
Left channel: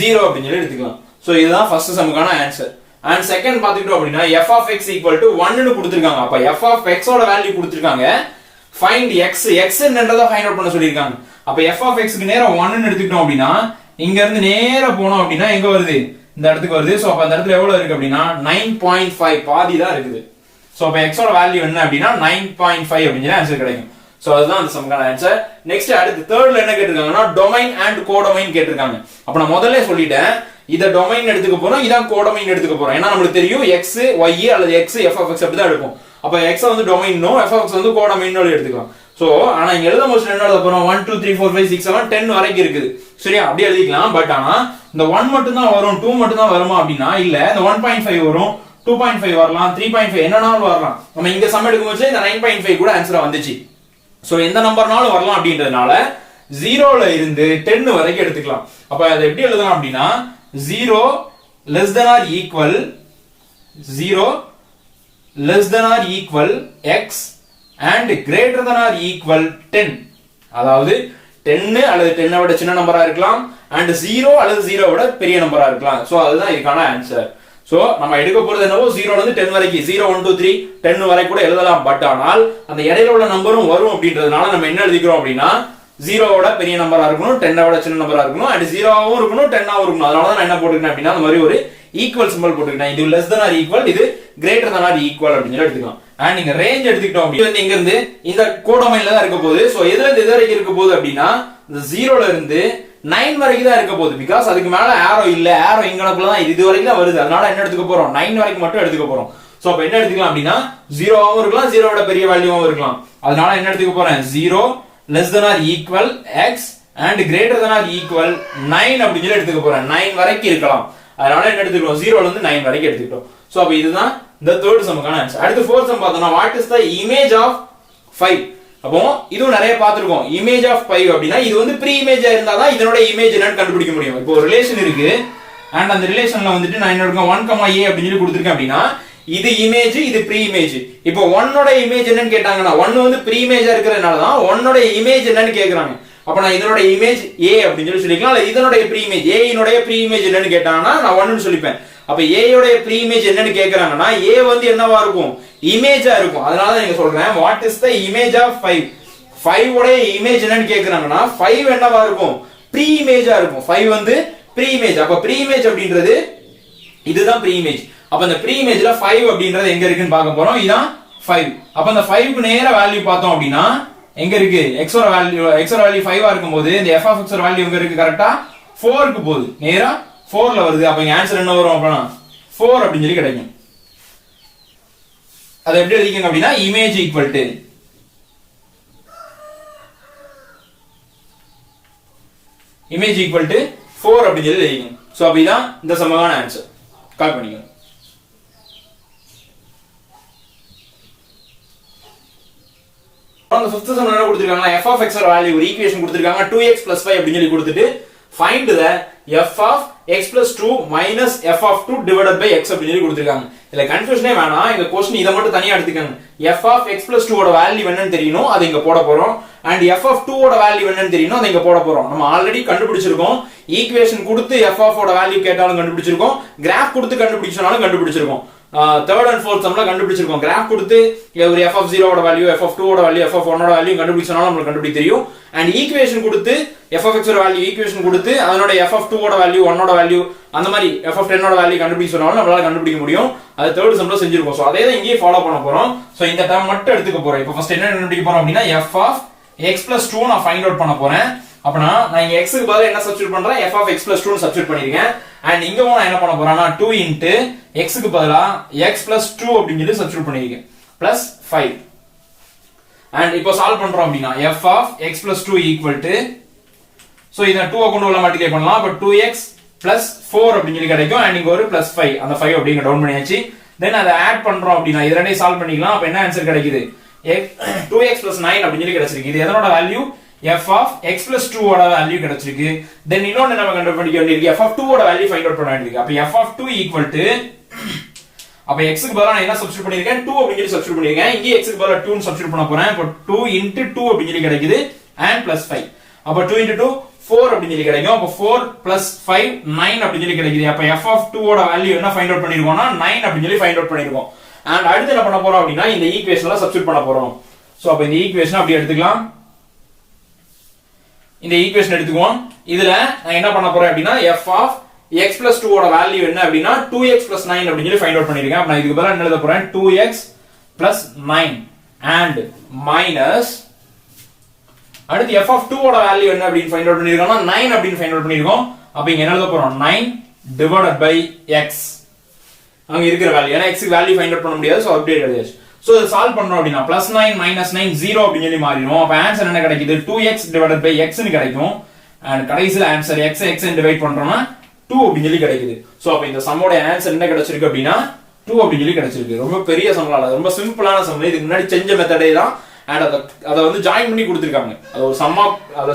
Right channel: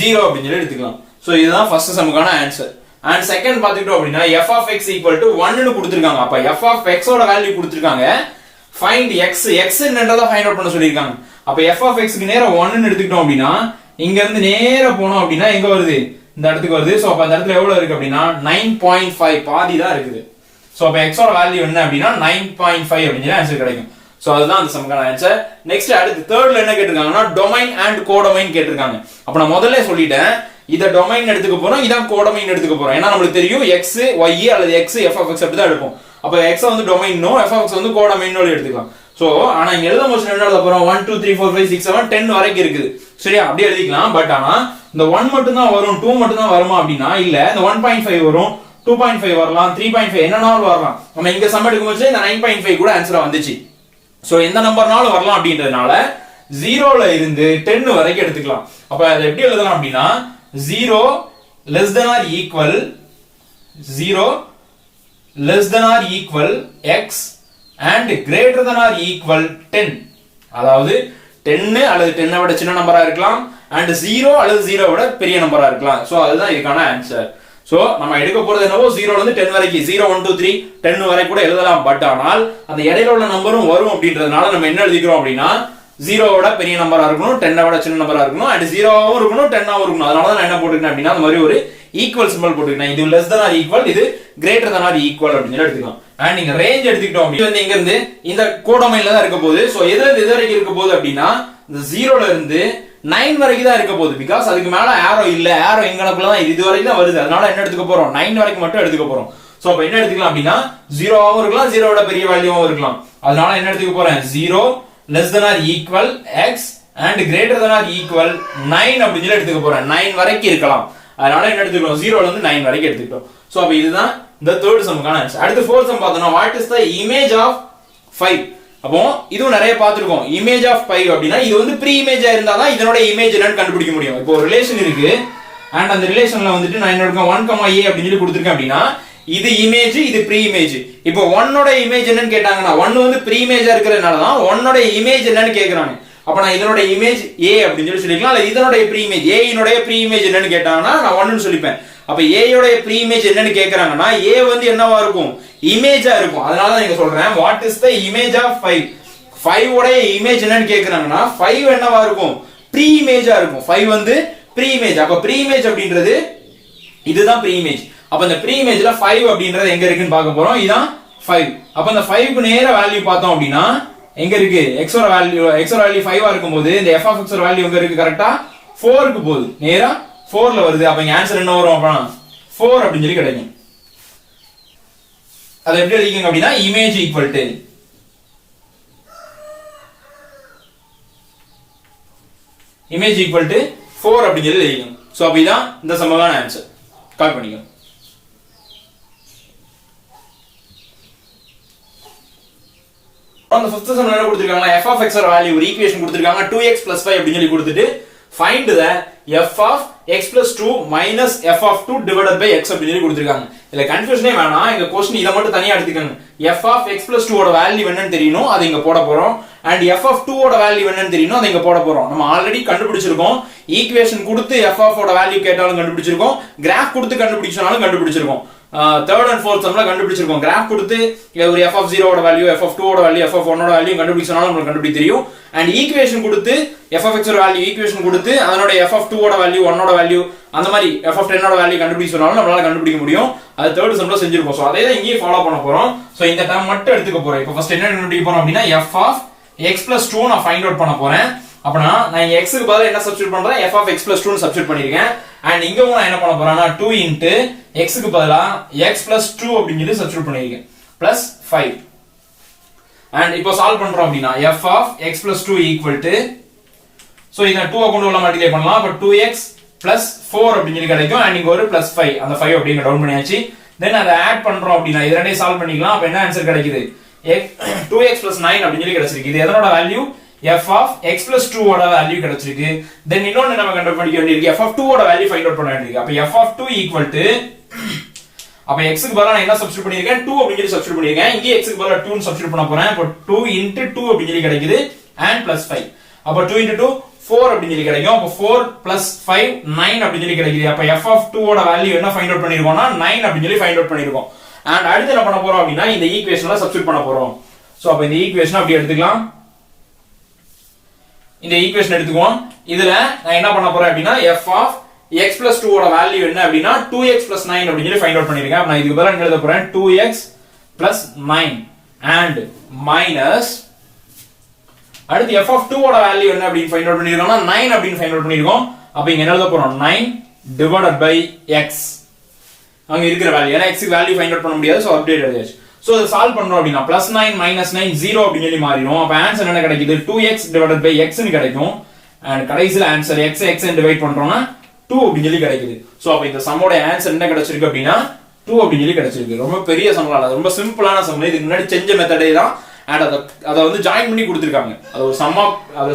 0 அப்படின்னு சொல்லி எடுத்துக்கலாம். சோ இதுதான் ஃபர்ஸ்ட் சம்முக்கான ஆன்சர். அண்ட் செகண்ட் பாத்துக்கிட்டோம் அப்படின்னா f of x equal to 1 னு கொடுத்திருக்காங்க. அப்ப f of x ஓட வேல்யூ கொடுத்திருக்காங்க. ஃபைண்ட் x என்னன்றத ஃபைண்ட் அவுட் பண்ண சொல்லிருக்காங்க. அப்ப f of x க்கு நேரா 1 னு எடுத்துக்கிட்டோம் அப்படின்னா இங்க இருந்து நேரா போனோம் அப்படின்னா எங்க வருது, இந்த இடத்துக்கு வருது. சோ அப்ப அந்த இடத்துல எவ்வளவு இருக்கு அப்படின்னா 9.5 பாதி தான் இருக்குது. சோ அப்ப x ஓட வேல்யூ என்ன அப்படின்னா 9.5 அப்படிங்கிற ஆன்சர் கிடைக்கும். சோ அதுதான் அந்த சம்க்கான ஆன்சர். நெக்ஸ்ட் அடுத்து தேர்ட்ல என்ன கேட்டிருக்காங்கன்னா டொமைன் அண்ட் கோடொமைன் கேட்டிருக்காங்க. அப்ப நான் முதல்ல சொல்லிட்டேன் இத டொமைன் எடுத்துக்க போறோம், இதான் கோடொமைன் எடுத்துக்க போறோம். ஏன்னா நமக்கு தெரியும் x y அல்லது x f of x அப்படி தான் எடுப்போம். அப்ப x வந்து டொமைனோ f of x வந்து கோடொமைனோ எடுத்துக்கலாம். சோ ஆனா இங்க எழுத போது என்ன எழுத போறோம் 1 2 3 4 5 6 7 10 வரைக்கும் இருக்குது. சரியா, அப்படியே எழுதிக்கலாம். பட் ஆனா இந்த 1 மட்டும் தான் வரும் 2 மட்டும் தான் வருமா அப்படின்னா இல்ல, இந்த 1.5 வரும் 2.5 வரலாம் 3.5 என்னனாலும் வரலாம். நம்ம இங்க சம் எடுக்கும்போது இந்த 9.5 கூட ஆன்சரா வந்துச்சு. சோ எந்த நம்பர்னாலும் வரலாம் அப்படின்றதுனால 0ல இருந்து 10 வரைக்கும் எடுத்துக்கலாம். அப்ப அதை எப்படி எழுதலாம் அப்படின்னா 0 less than or equal 0 less than or equal x and greater than or equal 10. அதாவது 10 அல்லது 10 விட சின்ன நம்பரா இருக்கலாம் and 0 அல்லது 0 விட பெரிய நம்பரா இருக்கலாம். சோ அதுதான் இதுக்கான ஆன்சர். சோ நம்ம எடுக்க போறது என்னவோ 0ல இருந்து 10 வரைக்கும் 0 1 2 3 10 வரை கூட எழுதலாம். பட் ஆனால் அந்த இடையில உள்ள நம்பரும் வரும் அப்படின்றதுனால நம்ம என்ன எழுதிக்கிறோம் அப்படின்னா 0வோட பெரிய நம்பரா இருக்கணும் 10வோட சின்ன நம்பரா இருக்கணும் அண்ட் 0வும் இருக்கணும் 10வும் இருக்கணும். அதனால தான் நான் என்ன போட்டுக்கிறேன் அப்படின்னா அந்த மாதிரி ஒரு ஈக்குவல் சிம்பல் போட்டுக்கிறேன். இது less than or equal, இது greater than or equal அப்படின்னு எடுத்துக்கலாம். அண்ட் நீங்க ரேஞ்ச் எடுத்துக்கிட்டோம் அப்படின்னா இங்க இருந்து இந்த கோடொமைன்ல தான் இருக்க போகுது. சோ எதுல இருந்து எது வரைக்கும் இருக்க போகுது அப்படின்னா இந்த 0ல இருந்து 9 வரைக்கும் தான் இருக்க போகுது. பிகாஸ் அதுக்கு மேல ஆரோ இல்ல, ஆரோ எங்கனக்குள்ள தான் இது வரைக்கும் தான் வருது. அதனால என்ன எடுத்துக்க போறோம் 9 வரைக்கும் மட்டும் எடுத்துக்க போறோம். சோ அப்ப என்ன எடுத்துக்கலாம் அப்படின்னா 0வாவும் இருக்கலாம் 0வோட பெரிய வேல்யூவாவும் இருக்கலாம். அதனால என்ன எடுத்துக்க போறேன் 0 less than or equal x and greater than or equal 9 அப்படின்னு சொல்லி எடுத்துக்க போறேன். 9 வரைக்கும் இருக்கலாம். அதனால என்ன எடுத்துக்கிறோம் 0ல இருந்து 9 வரைக்கும் எடுத்துக்கிறோம். சோ அப்ப இதுதான் the third sumக்கான ஆன்சர். அடுத்து fourth sum பார்த்தோம்னா what is the image of 5. அப்போ இதுவும் நிறைய பார்த்திருக்கோம். image of 5 அப்படினா இது வந்து ப்ரீ இமேஜா இருந்தா தான் இதனோட இமேஜ் என்னன்னு கண்டுபிடிக்க முடியும். இப்போ ஒரு ரிலேஷன் இருக்கு and அந்த ரிலேஷன்ல வந்துட்டு நான் என்ன எடுக்கேன் 1, a அப்படின்னு சொல்லி கொடுத்திருக்கேன் அப்படினா இது இமேஜ் இது ப்ரீ இமேஜ். இப்போ 1 ஓட இமேஜ் என்னன்னு கேட்டாங்கன்னா 1 வந்து ப்ரீ இமேஜா இருக்கிறதுனால தான் 1 ஓட இமேஜ் என்னன்னு கேக்குறாங்க. அப்ப நான் இதனோட இமேஜ் a அப்படின்னு சொல்லிக்கலாம். இல்ல இதனோட ப்ரீ இமேஜ் a யினுடைய ப்ரீ இமேஜ் என்னன்னு கேட்டாங்கன்னா நான் 1 னு சொல்லிப்பேன். அப்ப a யோட ப்ரீ இமேஜ் என்னன்னு கேக்குறாங்கன்னா a வந்து என்னவா இருக்கும் இமேஜா இருக்கும். அதனால தான் நீங்க சொல்றேன் what is the image of 5. 5 ஓட இமேஜ் என்னன்னு கேக்குறாங்கன்னா 5 என்னவா இருக்கும் ப்ரீ இமேஜா இருக்கும். 5 வந்து ப்ரீ இமேஜ். அப்ப ப்ரீ இமேஜ் அப்படின்றது இதுதான் ப்ரீ இமேஜ். அப்ப இந்த ப்ரீ இமேஜ்ல 5 அப்படின்றது எங்க இருக்குன்னு பார்க்க போறோம். இதான் 5. அப்ப இந்த 5 க்கு நேர வேல்யூ பார்த்தோம் அப்படின்னா எங்க இருக்கு x ஓட வேல்யூ 5 ஆ இருக்கும்போது இந்த f of x ஓட வேல்யூ எங்க இருக்கு கரெக்ட்டா 4 க்கு போகுது. நேரா 4ல வருது. அப்ப இங்க ஆன்சர் என்ன வரும் அப்படினா 4 அப்படின்னு சொல்லி கிடைக்கும். அதை எப்படி எழுதிக்கங்க அப்படின்னா image equal to image equal to 4 அப்படின்னு சொல்லி எழுதிக்கங்க. சோ அப்ப இதான் இந்த சமமான ஆன்சர். கால் பண்ணிக்கங்க. அந்த 5th சம் என்ன கொடுத்திருக்காங்க f of x ஓட வேல்யூ ஒரு ஈக்குவேஷன் கொடுத்திருக்காங்க 2x + 5 அப்படி சொல்லி கொடுத்துட்டு find the f of x + 2 minus f of 2 divided by x அப்படி சொல்லி கொடுத்திருக்காங்க. இல்ல கன்ஃபியூஷனே வேணாம். இந்த क्वेश्चन இத மட்டும் தனியா எடுத்துக்கங்க. f of x + 2 ஓட வேல்யூ என்னன்னு தெரியணும், அதை இங்க போட போறோம். and f of 2 ஓட வேல்யூ என்னன்னு தெரியணும், அதை இங்க போட போறோம். நம்ம ஆல்ரெடி கண்டுபிடிச்சிருக்கோம். ஈக்குவேஷன் கொடுத்து f of ஓட வேல்யூ கேட்டாலும் கண்டுபிடிச்சிருக்கோம். கிராஃப் கொடுத்து கண்டுபிடிச்சாலும் கண்டுபிடிச்சிருக்கோம். third and fourth சம்ல கண்டுபிடிச்சிருக்கோம். கிராஃப் கொடுத்து ஒரு f of 0 ஓட வேல்யூ f of 2 ஓட வேல்யூ f of 1 ஓட வேல்யூ கண்டுபிடிச்சனால நமக்கு கண்டுபிடிக்க தெரியும். and ஈக்குவேஷன் கொடுத்து f of x ஓட வேல்யூ ஈக்குவேஷன் கொடுத்து அதனோட f of 2 ஓட வேல்யூ 1 ஓட வேல்யூ அந்த மாதிரி f of 10 ஓட வேல்யூ கண்டுபிடிச்சனால நம்மளால கண்டுபிடிக்க முடியும். அது third சம்ல செஞ்சிருக்கோம். சோ அதே தான் இங்கேயும் ஃபாலோ பண்ண போறோம். சோ இந்த டேர்ம் மட்டும் எடுத்துக்க போறோம். இப்போ ஃபர்ஸ்ட் என்ன கண்டுபிடிக்க போறோம் அப்படினா f of x + 2 நான் ஃபைண்ட் அவுட் பண்ண போறேன். அப்பனா நான் இங்க x க்கு பதிலா என்ன சப்ஸ்டிட்யூட் பண்றேன் f of x plus 2 னு சப்ஸ்டிட்யூட் பண்ணிருக்கேன் and இங்க நான் என்ன பண்ண போறேன்னா 2 into x க்கு பதிலா x plus 2 அப்படினு சொல்லி சப்ஸ்டிட்யூட் பண்ணிருக்கேன் plus 5 and இப்போ சால்வ் பண்றோம் அப்படினா f of x plus 2 equal to so இத 2 கொண்டு உள்ள மல்டிப்ளை பண்ணலாம் அப்ப 2x plus 4 அப்படினு சொல்லி கிடைக்கும் and இங்க ஒரு plus 5 அந்த 5 அப்படிங்க டவுன் பண்ணியாச்சு then அத ஆட் பண்றோம் அப்படினா இத ரெண்டையும் சால்வ் பண்ணிக்கலாம் அப்ப என்ன ஆன்சர் கிடைக்குது 2x plus 9 அப்படினு சொல்லி கிடைச்சிருக்கு இது எதனோட value f of x plus 2 ஓட வேல்யூ கிடைச்சிருக்கு then இன்னொன்னு நம்ம கண்டுபிடிக்க வேண்டியிருக்கு f of 2 ஓட வேல்யூ ஃபைண்ட் அவுட் பண்ண வேண்டியிருக்கு அப்ப f of 2 equal to அப்ப x க்கு பதிலா நான் என்ன சப்ஸ்டிட்யூட் பண்ணிருக்கேன் 2 அப்படினு சொல்லி சப்ஸ்டிட்யூட் பண்ணிருக்கேன் இங்க x க்கு பதிலா 2 னு சப்ஸ்டிட்யூட் பண்ண போறேன் அப்ப 2 into 2 அப்படினு சொல்லி கிடைக்குது and plus 5 அப்ப 2 into 2 4 அப்படினு சொல்லி கிடைக்கும் அப்ப 4 plus 5 9 அப்படினு சொல்லி கிடைக்குது அப்ப f of 2 ஓட வேல்யூ என்ன ஃபைண்ட் அவுட் பண்ணிருக்கோம்னா 9 அப்படினு சொல்லி ஃபைண்ட் அவுட் பண்ணிருக்கோம் and அடுத்து என்ன பண்ண போறோம் அப்படினா இந்த ஈக்குவேஷன்ல சப்ஸ்டிட்யூட் பண்ண போறோம் சோ அப்ப இந்த ஈக்குவேஷன் அப்படியே எடுத்துக்கலாம் இந்த ஈக்குவேஷன் எடுத்துக்குவோம் இதுல நான் என்ன பண்ண போறேன் அப்படினா f of x plus 2 ஓட வேல்யூ என்ன அப்படினா 2x plus 9 அப்படினு சொல்லி ஃபைண்ட் அவுட் பண்ணிருக்கேன் அப்ப நான் இதுக்கு பதிலா என்ன எழுத போறேன் 2x plus 9 and minus அடுத்து f of 2 ஓட வேல்யூ என்ன அப்படினு ஃபைண்ட் அவுட் பண்ணிருக்கோம்னா 9 அப்படினு ஃபைண்ட் அவுட் பண்ணிருக்கோம் அப்ப இங்க என்ன எழுத போறோம் 9 divided by x அங்க இருக்கிற வேல்யூ ஏனா x க்கு வேல்யூ ஃபைண்ட் அவுட் பண்ண முடியாது சோ அப்டேட் எழுதியாச்சு சோ இத சால்வ் பண்றோம் அப்படினா +9 -9 0 அப்படினு சொல்லி மாறிடும் அப்ப ஆன்சர் என்ன கிடைக்குது 2x divided by x னு கிடைக்கும் and கடைசில ஆன்சர் x ன்னு டிவைட் பண்றோம்னா 2 அப்படினு சொல்லி கிடைக்குது சோ அப்ப இந்த சம்மோட ஆன்சர் என்ன கிடைச்சிருக்கு அப்படினா 2 அப்படினு சொல்லி கிடைச்சிருக்கு ரொம்ப பெரிய சம்லாம் இல்ல ரொம்ப சிம்பிளான சம் இதுக்கு முன்னாடி செஞ்ச மெத்தடே தான் and அத வந்து ஜாயின் பண்ணி கொடுத்திருக்காங்க அது ஒரு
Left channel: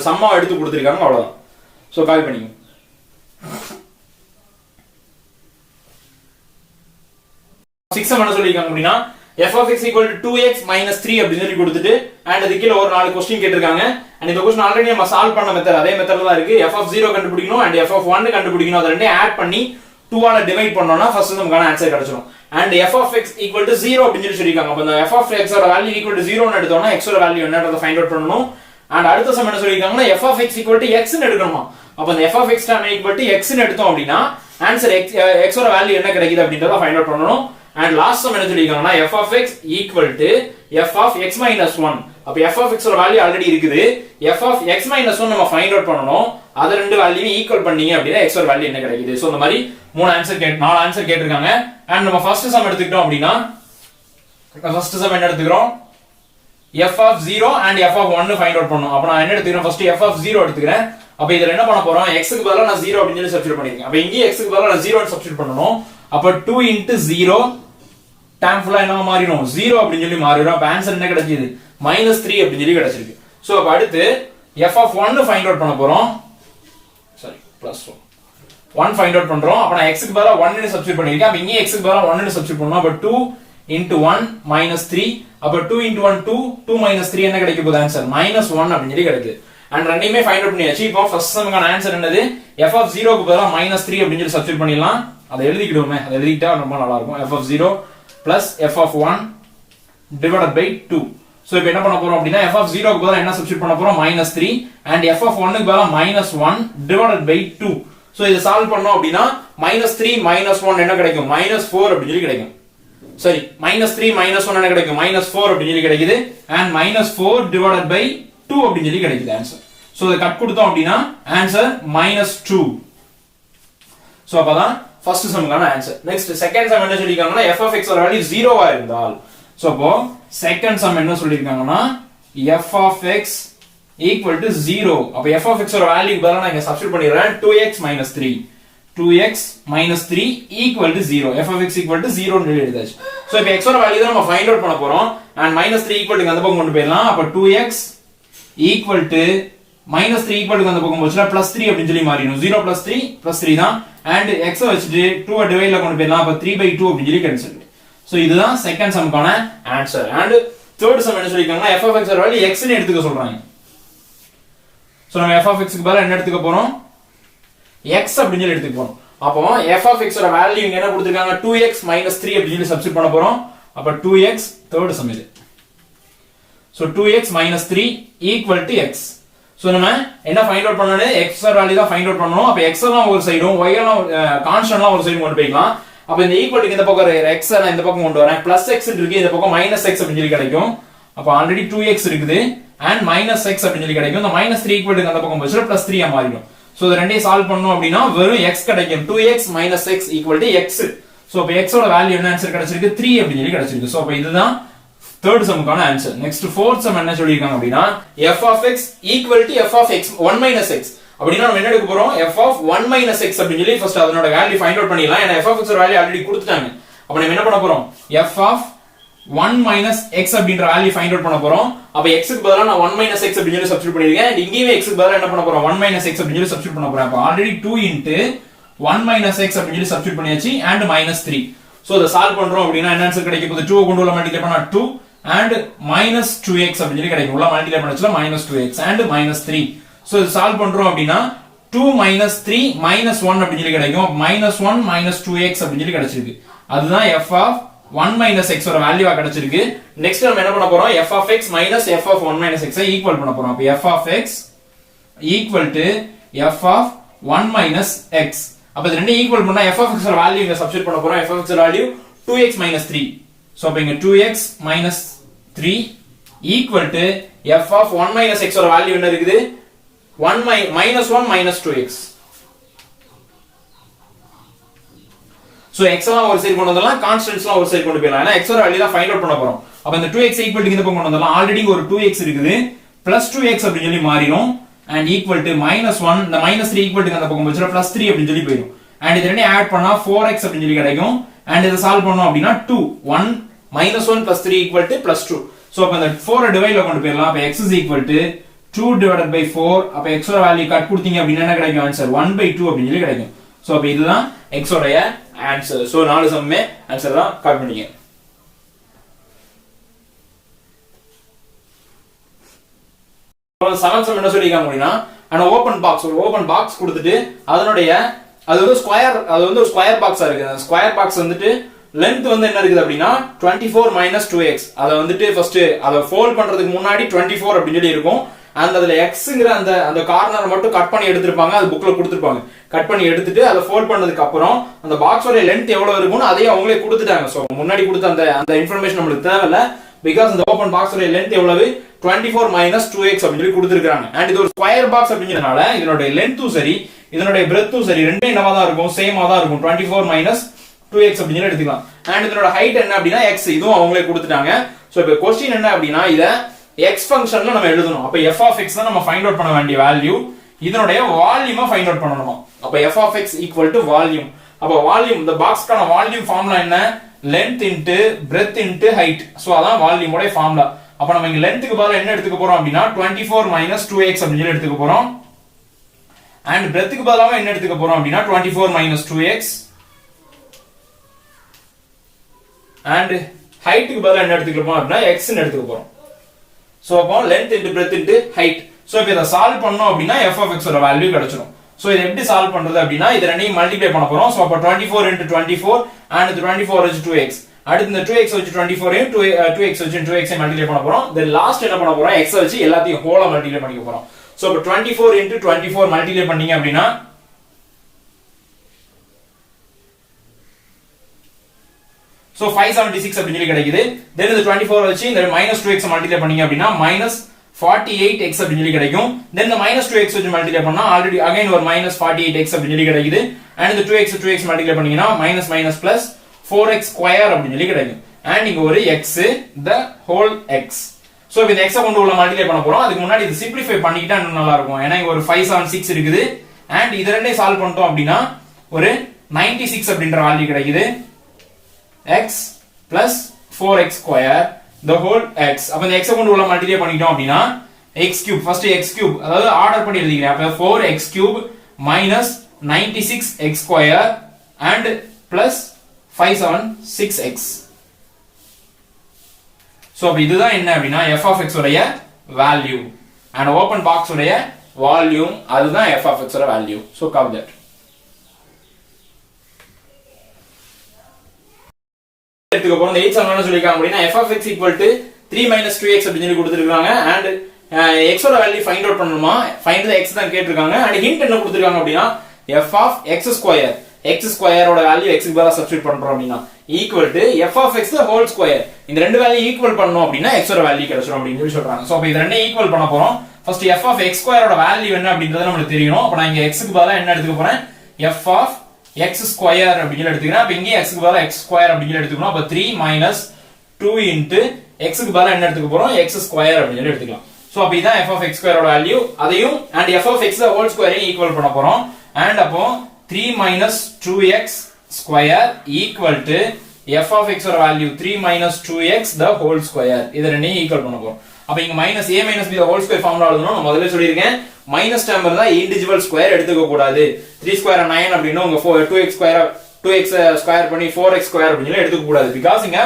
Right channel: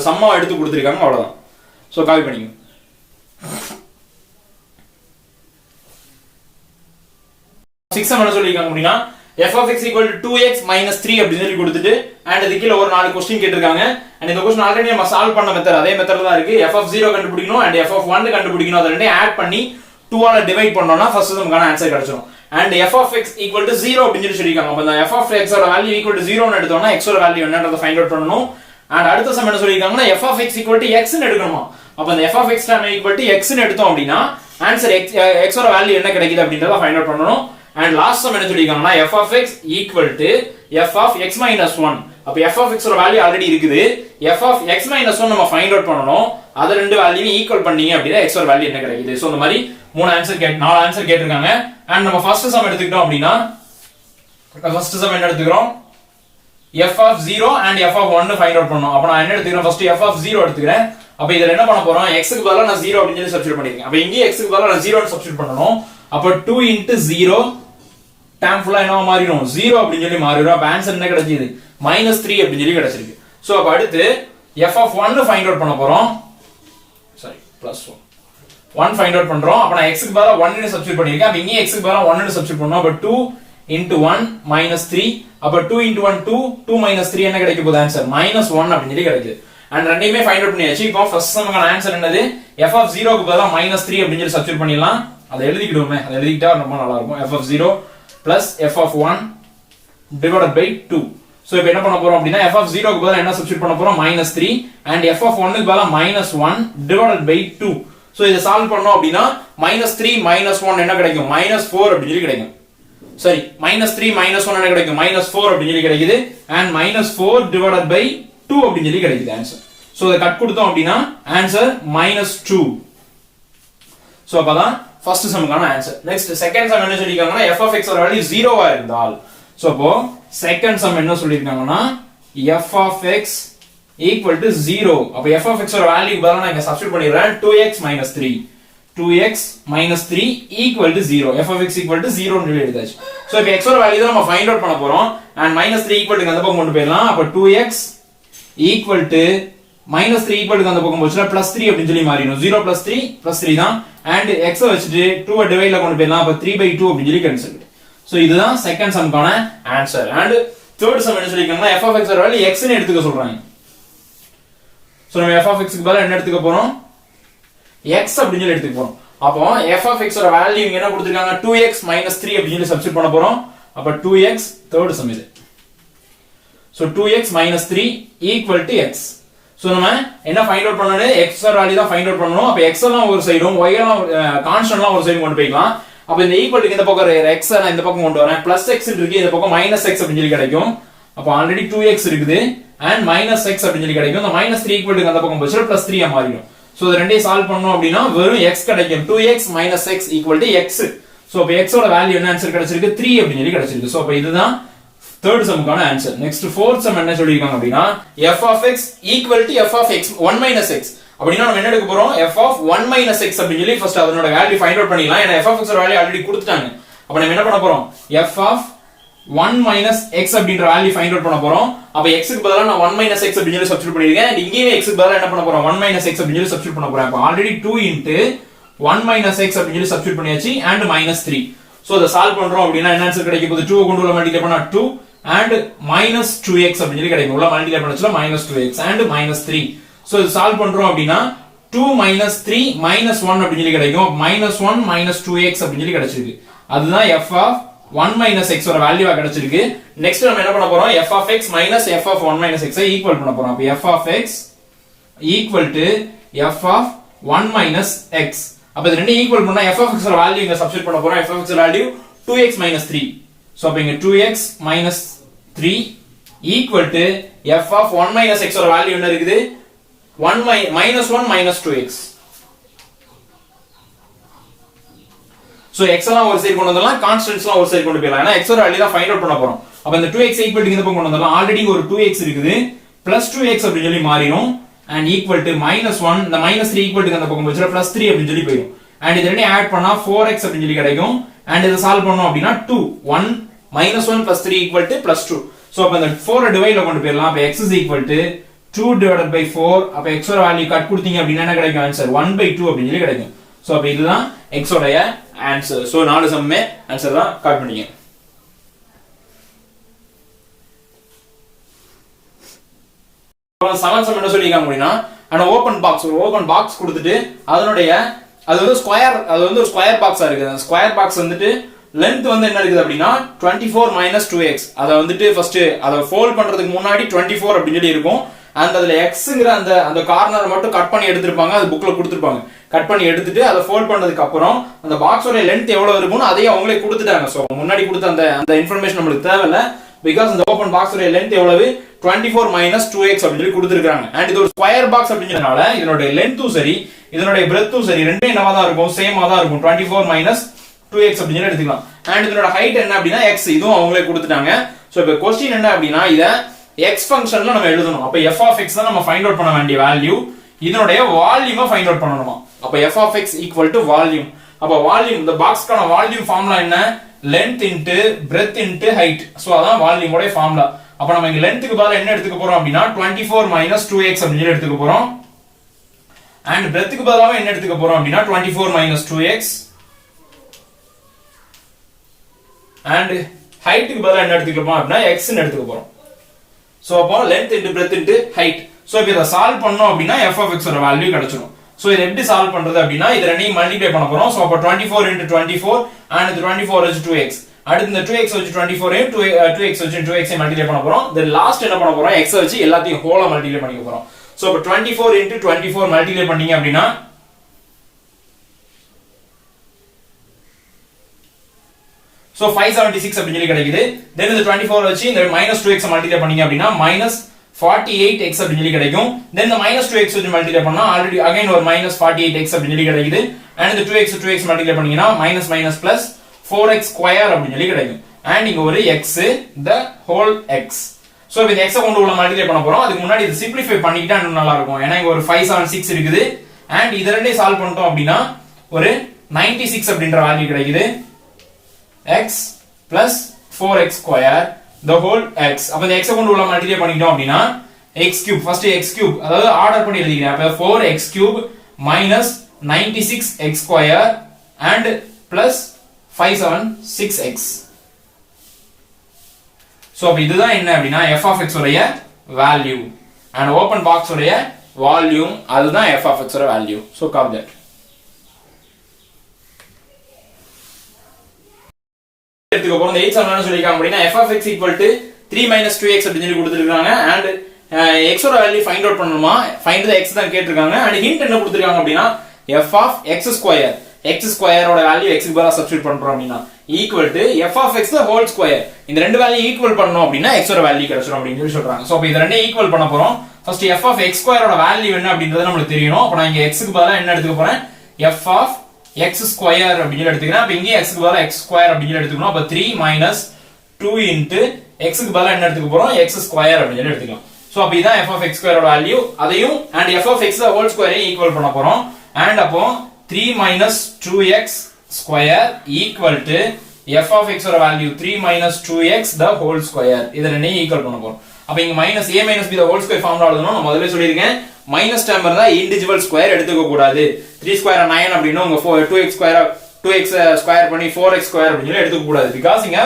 சம்மா எடுத்து கொடுத்திருக்காங்க அவ்வளவுதான் சோ காப்பி பண்ணிங்க 6 சம் என்ன சொல்லிருக்காங்க அப்படினா f of x equal to 2x minus 3 அப்படி சொல்லி கொடுத்துட்டு and அது கீழ ஒரு 4 क्वेश्चन கேட்டிருக்காங்க and இந்த क्वेश्चन ஆல்ரெடி நம்ம சால்வ் பண்ண மெத்தட் அதே மெத்தட்ல தான் இருக்கு f of 0 கண்டுபிடிக்கணும் and f of 1 கண்டுபிடிக்கணும் அத ரெண்டையும் ஆட் பண்ணி 2 ஆல டிவைட் பண்ணோம்னா ஃபர்ஸ்ட் நமக்கான ஆன்சர் கிடைச்சிரும் and f of x equal to 0 அப்படினு சொல்லிருக்காங்க அப்ப இந்த f of x ஓட வேல்யூ equal to 0 னு எடுத்தோம்னா x ஓட வேல்யூ என்னன்றத ஃபைண்ட் அவுட் பண்ணனும் and அடுத்த சம் என்ன சொல்லிருக்காங்கன்னா f of x equal to x னு எடுக்கணுமா அப்ப இந்த f of x equal to x னு எடுத்தோம் அப்படினா ஆன்சர் x ஓட வேல்யூ என்ன கிடைக்குது அப்படின்றத ஃபைண்ட் அவுட் பண்ணனும் and last sum என்ன சொல்லிருக்காங்கன்னா f of x equal to f of x minus 1 அப்ப f of x ஓட வேல்யூ ஆல்ரெடி இருக்குது f of x minus 1 நம்ம ஃபைண்ட் அவுட் பண்ணனும் அத ரெண்டு வேல்யூவை ஈக்குவல் பண்ணீங்க அப்படினா x ஓட வேல்யூ என்ன கிடைக்குது சோ இந்த மாதிரி நாலு ஆன்சர் கேட்டிருக்காங்க and நம்ம ஃபர்ஸ்ட் சம் எடுத்துக்கிட்டோம் அப்படினா ஃபர்ஸ்ட் சம் என்ன எடுத்துக்கறோம் f of 0 and f of 1 find out பண்ணனும் அப்ப நான் என்ன எடுத்துக்கறேன் ஃபர்ஸ்ட் f of 0 எடுத்துக்கறேன் அப்ப இதுல என்ன பண்ண போறோம் x க்கு பதிலா நான் 0 அப்படினு சொல்லி சப்ஸ்டிட்யூட் பண்ணிருக்கேன் அப்ப இங்க x க்கு பதிலா நான் 0 னு சப்ஸ்டிட்யூட் பண்ணனும் அப்ப 2 into 0 டைம் ஃபுல்லா என்ன மாறிடும் 0 அப்படினு சொல்லி மாறிடும் அப்ப ஆன்சர் என்ன கிடைச்சது -3 அப்படினு சொல்லி கிடைச்சிருக்கு சோ அப்ப அடுத்து f of 1 ஃபைண்ட் அவுட் பண்ண போறோம் சாரி +1 ஃபைண்ட் அவுட் பண்றோம் அப்ப நான் x க்கு பதிலா 1 னு சப்ஸ்டிட்யூட் பண்ணிருக்கேன் அப்ப இங்க x க்கு பதிலா 1 னு சப்ஸ்டிட்யூட் பண்ணனும் அப்ப 2 into 1 -3 அப்ப 2 into 1 2 3 என்ன கிடைக்க போகுது ஆன்சர் -1 அப்படினு சொல்லி கிடைக்குது and ரெண்டையுமே ஃபைண்ட் அவுட் பண்ணியாச்சு இப்போ ஃபர்ஸ்ட் சம்க்கான ஆன்சர் என்னது f of 0 க்கு பதிலா -3 அப்படினு சொல்லி சப்ஸ்டிட்யூட் பண்ணிடலாம் அதை எழுதிக்கிடுவோமே அதை எழுதிட்டா ரொம்ப நல்லா இருக்கும் f of 0 plus f of 1 divided by 2 so இப்போ என்ன பண்ண போறோம் அப்படினா f of 0 க்கு பதிலா என்ன சப்ஸ்டிட்யூட் பண்ண போறோம் -3 and f of 1 க்கு பதிலா -1 divided by 2 சோ இத சால்வ் பண்ணோம் அப்படினா -3 -1 என்ன கிடைக்கும் -4 அப்படி சொல்லி கிடைக்கும் சரி -3 -1 என்ன கிடைக்கும் -4 அப்படி சொல்லி கிடைக்குது and -4 divided by 2 அப்படி சொல்லி கிடைக்குது ஆன்சர் சோ இத கட் கொடுத்தோம் அப்படினா ஆன்சர் -2 சோ அப்பதான் ஃபர்ஸ்ட் சம்க்கான ஆன்சர் நெக்ஸ்ட் செகண்ட் சம் என்ன சொல்லிருக்காங்கன்னா f of x ஓட வேல்யூ 0 ஆ இருந்தால் சோ அப்போ செகண்ட் சம் என்ன சொல்லிருக்காங்கன்னா f of x equal to 0 அப்ப f of x ஓட வேல்யூ பதிலா நான் இங்க substitute பண்ணிறேன் 2x minus 3 equal to 0 f of x equal to 0 னு எழுதியாச்சு சோ இப்போ x ஓட வேல்யூ தான் நம்ம ஃபைண்ட் அவுட் பண்ண போறோம் and -3 equal to அந்த பக்கம் கொண்டு போயிடலாம் அப்ப 2x equal to -3 equal to அந்த பக்கம் போச்சுனா +3 அப்படினு சொல்லி மாறிடும் 0 + 3 தான் and x வச்சிட்டு 2 டிவைட்ல கொண்டு போயிடலாம் அப்ப 3/2 அப்படினு சொல்லி கிடைச்சிருக்கு சோ இதுதான் செகண்ட் சம்க்கான ஆன்சர் and third சம் என்ன சொல்லிருக்காங்கன்னா f of x ஓட வேல்யூ x னு எடுத்துக்க சொல்றாங்க சோ நம்ம f of x க்கு பதிலா என்ன எடுத்துக்க போறோம் x அப்படினு சொல்லி எடுத்துக்க போறோம் அப்போ f of x ஓட வேல்யூ இங்க என்ன கொடுத்திருக்காங்க 2x - 3 அப்படினு சொல்லி சப்ஸ்டிட்யூட் பண்ண போறோம் அப்ப 2x third சம் இது so 2x - 3 equal to x so நம்ம என்ன ஃபைண்ட் அவுட் பண்ணனும் x ஓட வேல்யூ தான் ஃபைண்ட் அவுட் பண்ணனும் அப்ப x எல்லாம் ஒரு சைடும் y எல்லாம் கான்ஸ்டன்ட்லாம் ஒரு சைடு கொண்டு போய்க்கலாம் அப்ப இந்த ஈக்குவல் டு இந்த பக்கம் x நான் இந்த பக்கம் கொண்டு வரேன் +x இருக்கு இந்த பக்கம் -x அப்படினு சொல்லி கிடைக்கும் அப்ப ஆல்ரெடி 2x இருக்குது and minus x அப்படின்னு சொல்லி கிடைக்கும். இந்த minus 3 equal to அந்த பக்கம் போச்சுனா plus 3 ஆ மாறிடும். சோ இது ரெண்டையும் சால்வ் பண்ணோம் அப்படினா வெறும் x கிடைக்கும். 2x minus x equal to x. So அப்ப x ஓட வேல்யூ என்ன ஆன்சர் கிடைச்சிருக்கு 3 அப்படின்னு சொல்லி கிடைச்சிருக்கு. சோ அப்ப இதுதான் third sumக்கான ஆன்சர். நெக்ஸ்ட் fourth sum என்ன சொல்லிருக்காங்க அப்படினா f of x equal to f of x 1 minus x. அப்படினா நம்ம என்ன எடுக்க போறோம் f of 1 minus x அப்படின்னு சொல்லி ஃபர்ஸ்ட் அதனோட வேல்யூ ஃபைண்ட் அவுட் பண்ணிடலாம். ஏனா f of x ஓட வேல்யூ ஆல்ரெடி கொடுத்துட்டாங்க. அப்ப நம்ம என்ன பண்ண போறோம் f of 1 minus x அப்படிங்கற வேல்யூ ஃபைண்ட் அவுட் பண்ண போறோம். அப்ப x க்கு பதிலா நான் 1 minus x அப்படினு சொல்லி சப்ஸ்டிட்யூட் பண்ணிருக்கேன். and இங்கேயே x க்கு பதிலா என்ன பண்ண போறோம் 1 minus x அப்படினு சொல்லி சப்ஸ்டிட்யூட் பண்ண போறேன். அப்ப ஆல்ரெடி 2 into 1 minus x அப்படினு சொல்லி சப்ஸ்டிட்யூட் பண்ணியாச்சு and minus 3. சோ இத சால்வ் பண்றோம் அப்படினா என்ன ஆன்சர் கிடைக்க போகுது 2 கொண்டு உள்ள மல்டிப்ளை பண்ணா 2 and minus 2x அப்படினு சொல்லி கிடைக்கும். உள்ள மல்டிப்ளை பண்ணச்சுல minus 2x and minus 3. So இது சால்வ் பண்றோம் அப்படினா 2 minus 3 minus 1 அப்படினு சொல்லி கிடைக்கும். minus 1 minus 2x அப்படினு சொல்லி கிடைச்சிருக்கு. அதுதான் f of 1 minus x ஓட வேல்யூவா கிடைச்சிருக்கு. நெக்ஸ்ட் நம்ம என்ன பண்ண போறோம் f of x minus f of 1 minus x I equal பண்ண போறோம். அப்ப f of x equal to f of 1 minus x. அப்ப இது ரெண்டையும் ஈக்குவல் பண்ணா f of x ஓட வேல்யூ இங்க சப்ஸ்டிட்யூட் பண்ண போறோம். f of x ஓட வேல்யூ 2x minus 3. சோ அப்ப இங்க 2x minus 3 equal to f of 1 minus x ஓட வேல்யூ என்ன இருக்குது 1 minus 1 minus 2x. So x எல்லாம் ஒரு சைடு கொண்டு வந்தலாம், கான்ஸ்டன்ட்ஸ் எல்லாம் ஒரு சைடு கொண்டு போயிடலாம். ஏனா x ஓட வேல்யூ தான் ஃபைண்ட் அவுட் பண்ண போறோம். அப்ப இந்த 2x ஈக்குவல் டு இந்த பக்கம் கொண்டு வந்தலாம். ஆல்ரெடி ஒரு 2x இருக்குது plus 2x அப்படினு சொல்லி மாறிடும் and equal to minus 1 இந்த minus 3 ஈக்குவல் டு அந்த பக்கம் போச்சுனா plus 3 அப்படினு சொல்லி போயிடும். and இது ரெண்டையும் ஆட் பண்ணா 4x அப்படினு சொல்லி கிடைக்கும். and இத சால்வ் பண்ணோம் அப்படினா 2 1 minus 1 plus 3 equal to plus 2. So அப்ப இந்த 4 டிவைட்ல கொண்டு போயிடலாம். அப்ப x is equal to 2 divided by 4. அப்ப x ஓட வேல்யூ கட் கொடுத்தீங்க அப்படினா என்ன கிடைக்கும் ஆன்சர் 1/2 அப்படினு சொல்லி கிடைக்கும். சோ அப்ப இதுதான் x ஓடைய ஆன்சர். சோ நாலு சம்மே ஆன்சர் தான் கட் பண்ணீங்க. செவன் சம் என்ன சொல்லிருக்காங்க அப்படினா அந்த ஓபன் பாக்ஸ் கொடுத்துட்டு அதனுடைய அது வந்து ஒரு ஸ்கொயர் பாக்ஸா இருக்கு. அந்த ஸ்கொயர் பாக்ஸ் வந்துட்டு லெந்த் வந்து என்ன இருக்குது அப்படினா 24 minus 2x. அத வந்துட்டு ஃபர்ஸ்ட் அத ஃபோல்ட் பண்றதுக்கு முன்னாடி 24 அப்படி சொல்லி இருக்கும். அந்த அதுல xங்கற அந்த கார்னர் மட்டும் கட் பண்ணி எடுத்துப்பாங்க. அது புக்ல கொடுத்திருப்பாங்க. கட் பண்ணி எடுத்துட்டு அத ஃபோல்ட் பண்ணதுக்கு அப்புறம் அந்த பாக்ஸோட லெந்த் எவ்வளவு இருக்கும்னு அதையே அவங்களே கொடுத்துட்டாங்க. சோ முன்னாடி கொடுத்த அந்த இன்ஃபர்மேஷன் நமக்கு தேவையில்ல. பிகாஸ் இந்த ஓபன் பாக்ஸோட லெந்த் எவ்வளவு 24 minus 2x அப்படி சொல்லி கொடுத்திருக்காங்க. and இது ஒரு ஸ்கொயர் பாக்ஸ் அப்படிங்கறனால இதனுடைய லெந்த்தும் சரி இதனுடைய பிரெத்தும் சரி ரெண்டும் என்னவா தான் இருக்கும் சேமா தான் இருக்கும். 24 minus 2x அப்படினு எடுத்துக்கலாம். and இதனோட ஹைட் என்ன அப்படினா x இதுவும் அவங்களே கொடுத்துட்டாங்க. சோ இப்போ क्वेश्चन என்ன அப்படினா இத x ஃபங்க்ஷன்ல நம்ம எழுதணும். அப்ப f of x தான் நம்ம ஃபைண்ட் அவுட் பண்ண வேண்டிய வேல்யூ. இதனுடைய வால்யூமை ஃபைண்ட் அவுட் பண்ணனுமா. அப்ப f of x equal to volume. அப்ப வால்யூம் இந்த பாக்ஸ்க்கான வால்யூம் ஃபார்முலா என்ன length into breadth into height. So அதான் வால்யூமோட ஃபார்முலா. அப்ப நம்ம இங்க லெந்த்க்கு பதிலா என்ன எடுத்துக்க போறோம் அப்படினா 24 minus 2x அப்படினு எடுத்துக்க போறோம். and breadthக்கு பதிலா என்ன எடுத்துக்க போறோம் அப்படினா 24 minus 2x. and heightக்கு பதிலா என்ன எடுத்துக்க போறோம் அப்படினா x ன்னு எடுத்துக்க போறோம். சோ அப்போ length into breadth into height. So இப்போ இத சால்வ் பண்ணோம் அப்படினா f of x ஓட வேல்யூ கிடைச்சிடும். சோ இத எப்படி சால்வ் பண்றது அப்படினா இத ரெண்டையும் மல்டிப்ளை பண்ண போறோம். சோ அப்ப 24 into 24 and the 24 is 2x. அடுத்து இந்த 2x வச்சு 24 ஐயும் 2x வச்சு 2x ஐ மல்டிப்ளை பண்ண போறோம். தென் லாஸ்ட் என்ன பண்ண போறோம் x வச்சு எல்லாத்தையும் ஹோலா மல்டிப்ளை பண்ணிக்க போறோம். சோ அப்ப 24 into 24 மல்டிப்ளை பண்ணீங்க அப்படினா சோ 576 அப்படி சொல்லி கிடைக்குது. தென் இந்த 24 வச்சு இந்த minus 2x மல்டிப்ளை பண்ணீங்க அப்படினா minus 48x அப்படி சொல்லி கிடைக்கும். தென் இந்த minus 2x வச்சு மல்டிப்ளை பண்ணா ஆல்ரெடி அகைன் ஒரு minus 48x அப்படி சொல்லி கிடைக்குது. and இந்த 2x மல்டிப்ளை பண்ணீங்கனா minus minus plus 4x square அப்படி சொல்லி கிடைக்கும். and இங்க ஒரு x the whole x. So இந்த x கொண்டு உள்ள மல்டிப்ளை பண்ண போறோம். அதுக்கு முன்னாடி இது சிம்பிளிஃபை பண்ணிக்கிட்டா இன்னும் நல்லா இருக்கும். ஏனா இங்க ஒரு 576 இருக்குது. and இத ரெண்டையும் சால்வ் பண்ணிட்டோம் அப்படினா ஒரு 96 அப்படிங்கற வேல்யூ கிடைக்குது. x plus 4x square the whole x. அப்ப இந்த x கொண்டு உள்ள மல்டிப்ளை பண்ணிட்டோம் அப்படினா x cube first x cube அதாவது ஆர்டர் பண்ணி எழுதிக்கிறேன். அப்ப 4x cube minus 96x square and plus 576x. So அப்ப இதுதான் என்ன அப்படினா f of x உடைய வேல்யூ and open box உடைய வால்யூம் அதுதான் f of x உடைய வேல்யூ. So copy that. எடுத்துக்க போறோம். இந்த 8 சம் என்ன சொல்லிருக்காங்க அப்படினா f of x equal to 3 minus 2x அப்படி சொல்லி கொடுத்திருக்காங்க. and x ஓட வேல்யூ ஃபைண்ட் அவுட் பண்ணனுமா. ஃபைண்ட் தி x தான் கேட்டிருக்காங்க. and hint என்ன கொடுத்திருக்காங்க அப்படினா f of x square. X ஸ்கொயரோட வேல்யூ எக்ஸ்க்கு பதிலா சப்ஸ்டிட்யூட் பண்றோம் அப்படின்னா equal to f of x whole square. இந்த ரெண்டு வேல்யூ ஈக்குவல் பண்ணோம் அப்படின்னா எக்ஸோட வேல்யூ கிடைச்சிடும் அப்படின்னு சொல்லி சொல்றாங்க. சோ அப்ப இது ரெண்டையும் ஈக்குவல் பண்ண போறோம். ஃபர்ஸ்ட் எஃப் ஆஃப் எக்ஸ் ஸ்கொயரோட வேல்யூ என்ன அப்படின்றது நமக்கு தெரியணும். அப்ப நான் இங்க எக்ஸ்க்கு பதிலா என்ன எடுத்துக்க போறேன், எஃப் ஆஃப் எக்ஸ் ஸ்கொயர் அப்படின்னு எடுத்துக்கிறேன். அப்ப இங்கே எக்ஸ்க்கு பதிலா எக்ஸ் ஸ்கொயர் அப்படின்னு எடுத்துக்கணும். அப்ப 3 மைனஸ் 2 இன்டு எக்ஸ்க்கு பதிலா என்ன எடுத்துக்க போறோம், எக்ஸ் ஸ்கொயர் அப்படின்னு எடுத்துக்கலாம். சோ அப்ப இதான் எஃப் ஆஃப் எக்ஸ் ஸ்கொயரோட வேல்யூ. அதையும் and f of x whole ஸ்கொயரையும் ஈக்குவல் பண்ண போறோம். அண்ட் அப்போ 3 minus 2x square equal to f of x ஓட value 3 minus 2x the whole square. இத ரெண்டையும் ஈக்குவல் பண்ண போறோம். அப்ப இங்க minus a minus b the whole square formula எழுதணும். நான் முதல்ல சொல்லிருக்கேன் மைனஸ் டேர்ம் இருந்தா இன்டிவிஜுவல் ஸ்கொயர் எடுத்துக்க கூடாது. 3 ஸ்கொயர் 9 அப்படினா உங்க 2x ஸ்கொயர் பண்ணி 4x ஸ்கொயர் அப்படினு எடுத்துக்க கூடாது. பிகாஸ் இங்க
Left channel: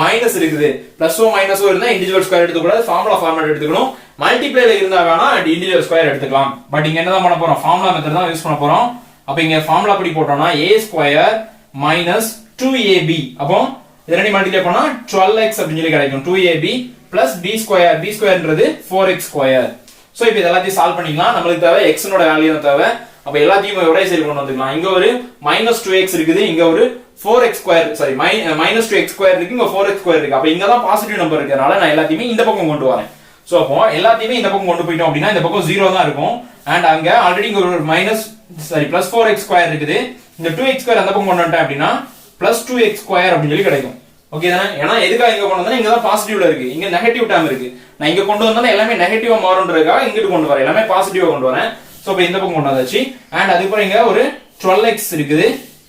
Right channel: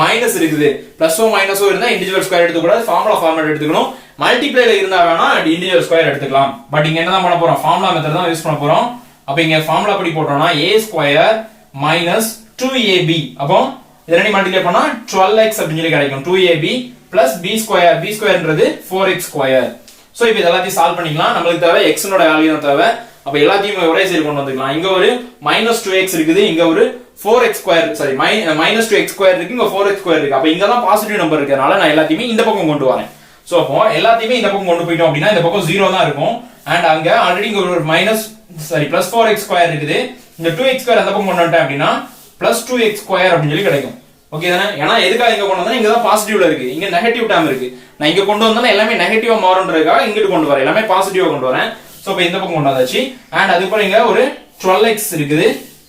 மைனஸ் இருக்குது. பிளஸோ மைனஸோ இருந்தா இன்டிவிஜுவல் ஸ்கொயர் எடுத்துக்க கூடாது. ஃபார்முலா ஃபார்மேட் எடுத்துக்கணும். மல்டிப்ளைல இருந்தா வேணா அண்ட் இன்டிவிஜுவல் ஸ்கொயர் எடுத்துக்கலாம். பட் இங்க என்னதான் பண்ண போறோம், ஃபார்முலா மெத்தட் தான் யூஸ் பண்ண போறோம். அப்ப இங்க ஃபார்முலா படி போட்டோம்னா a ஸ்கொயர் மைனஸ் 2ab, அப்போ இத ரெண்டையும் மல்டிப்ளை பண்ணா 12x அப்படி சொல்லி கிடைக்கும். 2ab plus b square, b ஸ்கொயர்ன்றது 4x square. So இப்போ இதெல்லாம் சால்வ் பண்ணிக்கலாம். நமக்கு தேவை x னோட வேல்யூ தேவை. அப்ப எல்லாத்தையும் ஒரே சைடு கொண்டு வந்துக்கலாம். இங்க ஒரு மைனஸ் 2x இருக்குது, இங்க ஒரு 4x square, sorry minus 2x square இருக்கு, இங்க 4x ஸ்கொயர் இருக்கு. அப்ப இங்க தான் பாசிட்டிவ் நம்பர் இருக்கறனால நான் எல்லாத்தையுமே இந்த பக்கம் கொண்டு வரேன். சோ அப்போ எல்லாத்தையுமே இந்த பக்கம் கொண்டு போய்ட்டோம் அப்படினா இந்த பக்கம் 0 தான் இருக்கும். அண்ட் அங்க ஆல்ரெடி இங்க ஒரு minus sorry plus 4x square இருக்குது. இந்த 2x ஸ்கொயர் அந்த பக்கம் கொண்டு வந்துட்டேன் அப்படினா பிளஸ் 2x ஸ்கொயர் அப்படி சொல்லி கிடைக்கும். ஓகே தானே? ஏன்னா எதுக்காக இங்க கொண்டு வந்தா இங்க தான் பாசிட்டிவ்ல இருக்கு, இங்க நெகட்டிவ் டேர்ம் இருக்கு. நான் இங்க கொண்டு வந்தா எல்லாமே நெகட்டிவா மாறும்ன்றதுக்காக இங்கிட்டு கொண்டு வரேன், எல்லாமே பாசிட்டிவா கொண்டு வரேன். சோ இப்போ இந்த பக்கம் கொண்டு வந்தாச்சு. அண்ட் அதுக்கப்புறம் இங்க ஒரு 12x இருக்குது,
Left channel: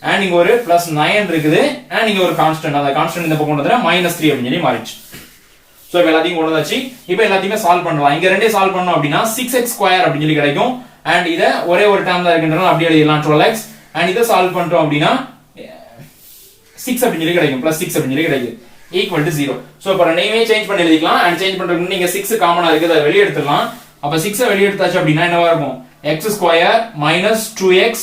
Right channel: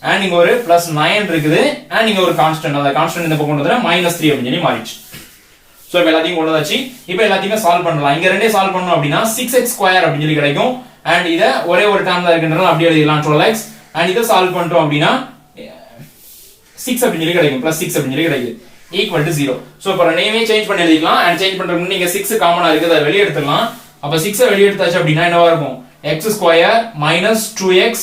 அண்ட் இங்க ஒரு பிளஸ் 9 இருக்குது, அண்ட் இங்க ஒரு கான்ஸ்டன்ட், அந்த கான்ஸ்டன்ட் இந்த பக்கம் கொண்டு வந்தா மைனஸ் 3 அப்படின்னு சொல்லி மாறிடுச்சு. சோ இப்போ எல்லாத்தையும் கொண்டு வந்தாச்சு. இப்போ எல்லாத்தையுமே சால்வ் பண்ணலாம். இங்க ரெண்டே சால்வ் பண்ணோம் அப்படின்னா 6x ஸ்கொயர் அப்படின்னு சொல்லி கிடைக்கும். அண்ட் இத ஒரே ஒரு டேர்ம் தான் இருக்குன்றதால அப்படியே எழுதிடலாம் 12x. அண்ட் இத சால்வ் பண்ணிட்டோம் அப்படின்னா 6 அப்படின்னு சொல்லி கிடைக்கும், பிளஸ் 6 அப்படின்னு சொல்லி கிடைக்குது, ஈக்குவல் டு 0. சோ இப்போ ரெண்டையுமே சேஞ்ச் பண்ணி எழுதிக்கலாம். அண்ட் சேஞ்ச் பண்றதுக்கு நீங்க 6 காமனா இருக்குது, அதை வெளிய எடுத்துக்கலாம். அப்ப 6 வெளிய எடுத்தாச்சு அப்படின்னா என்னவா இருக்கும், x square minus 2x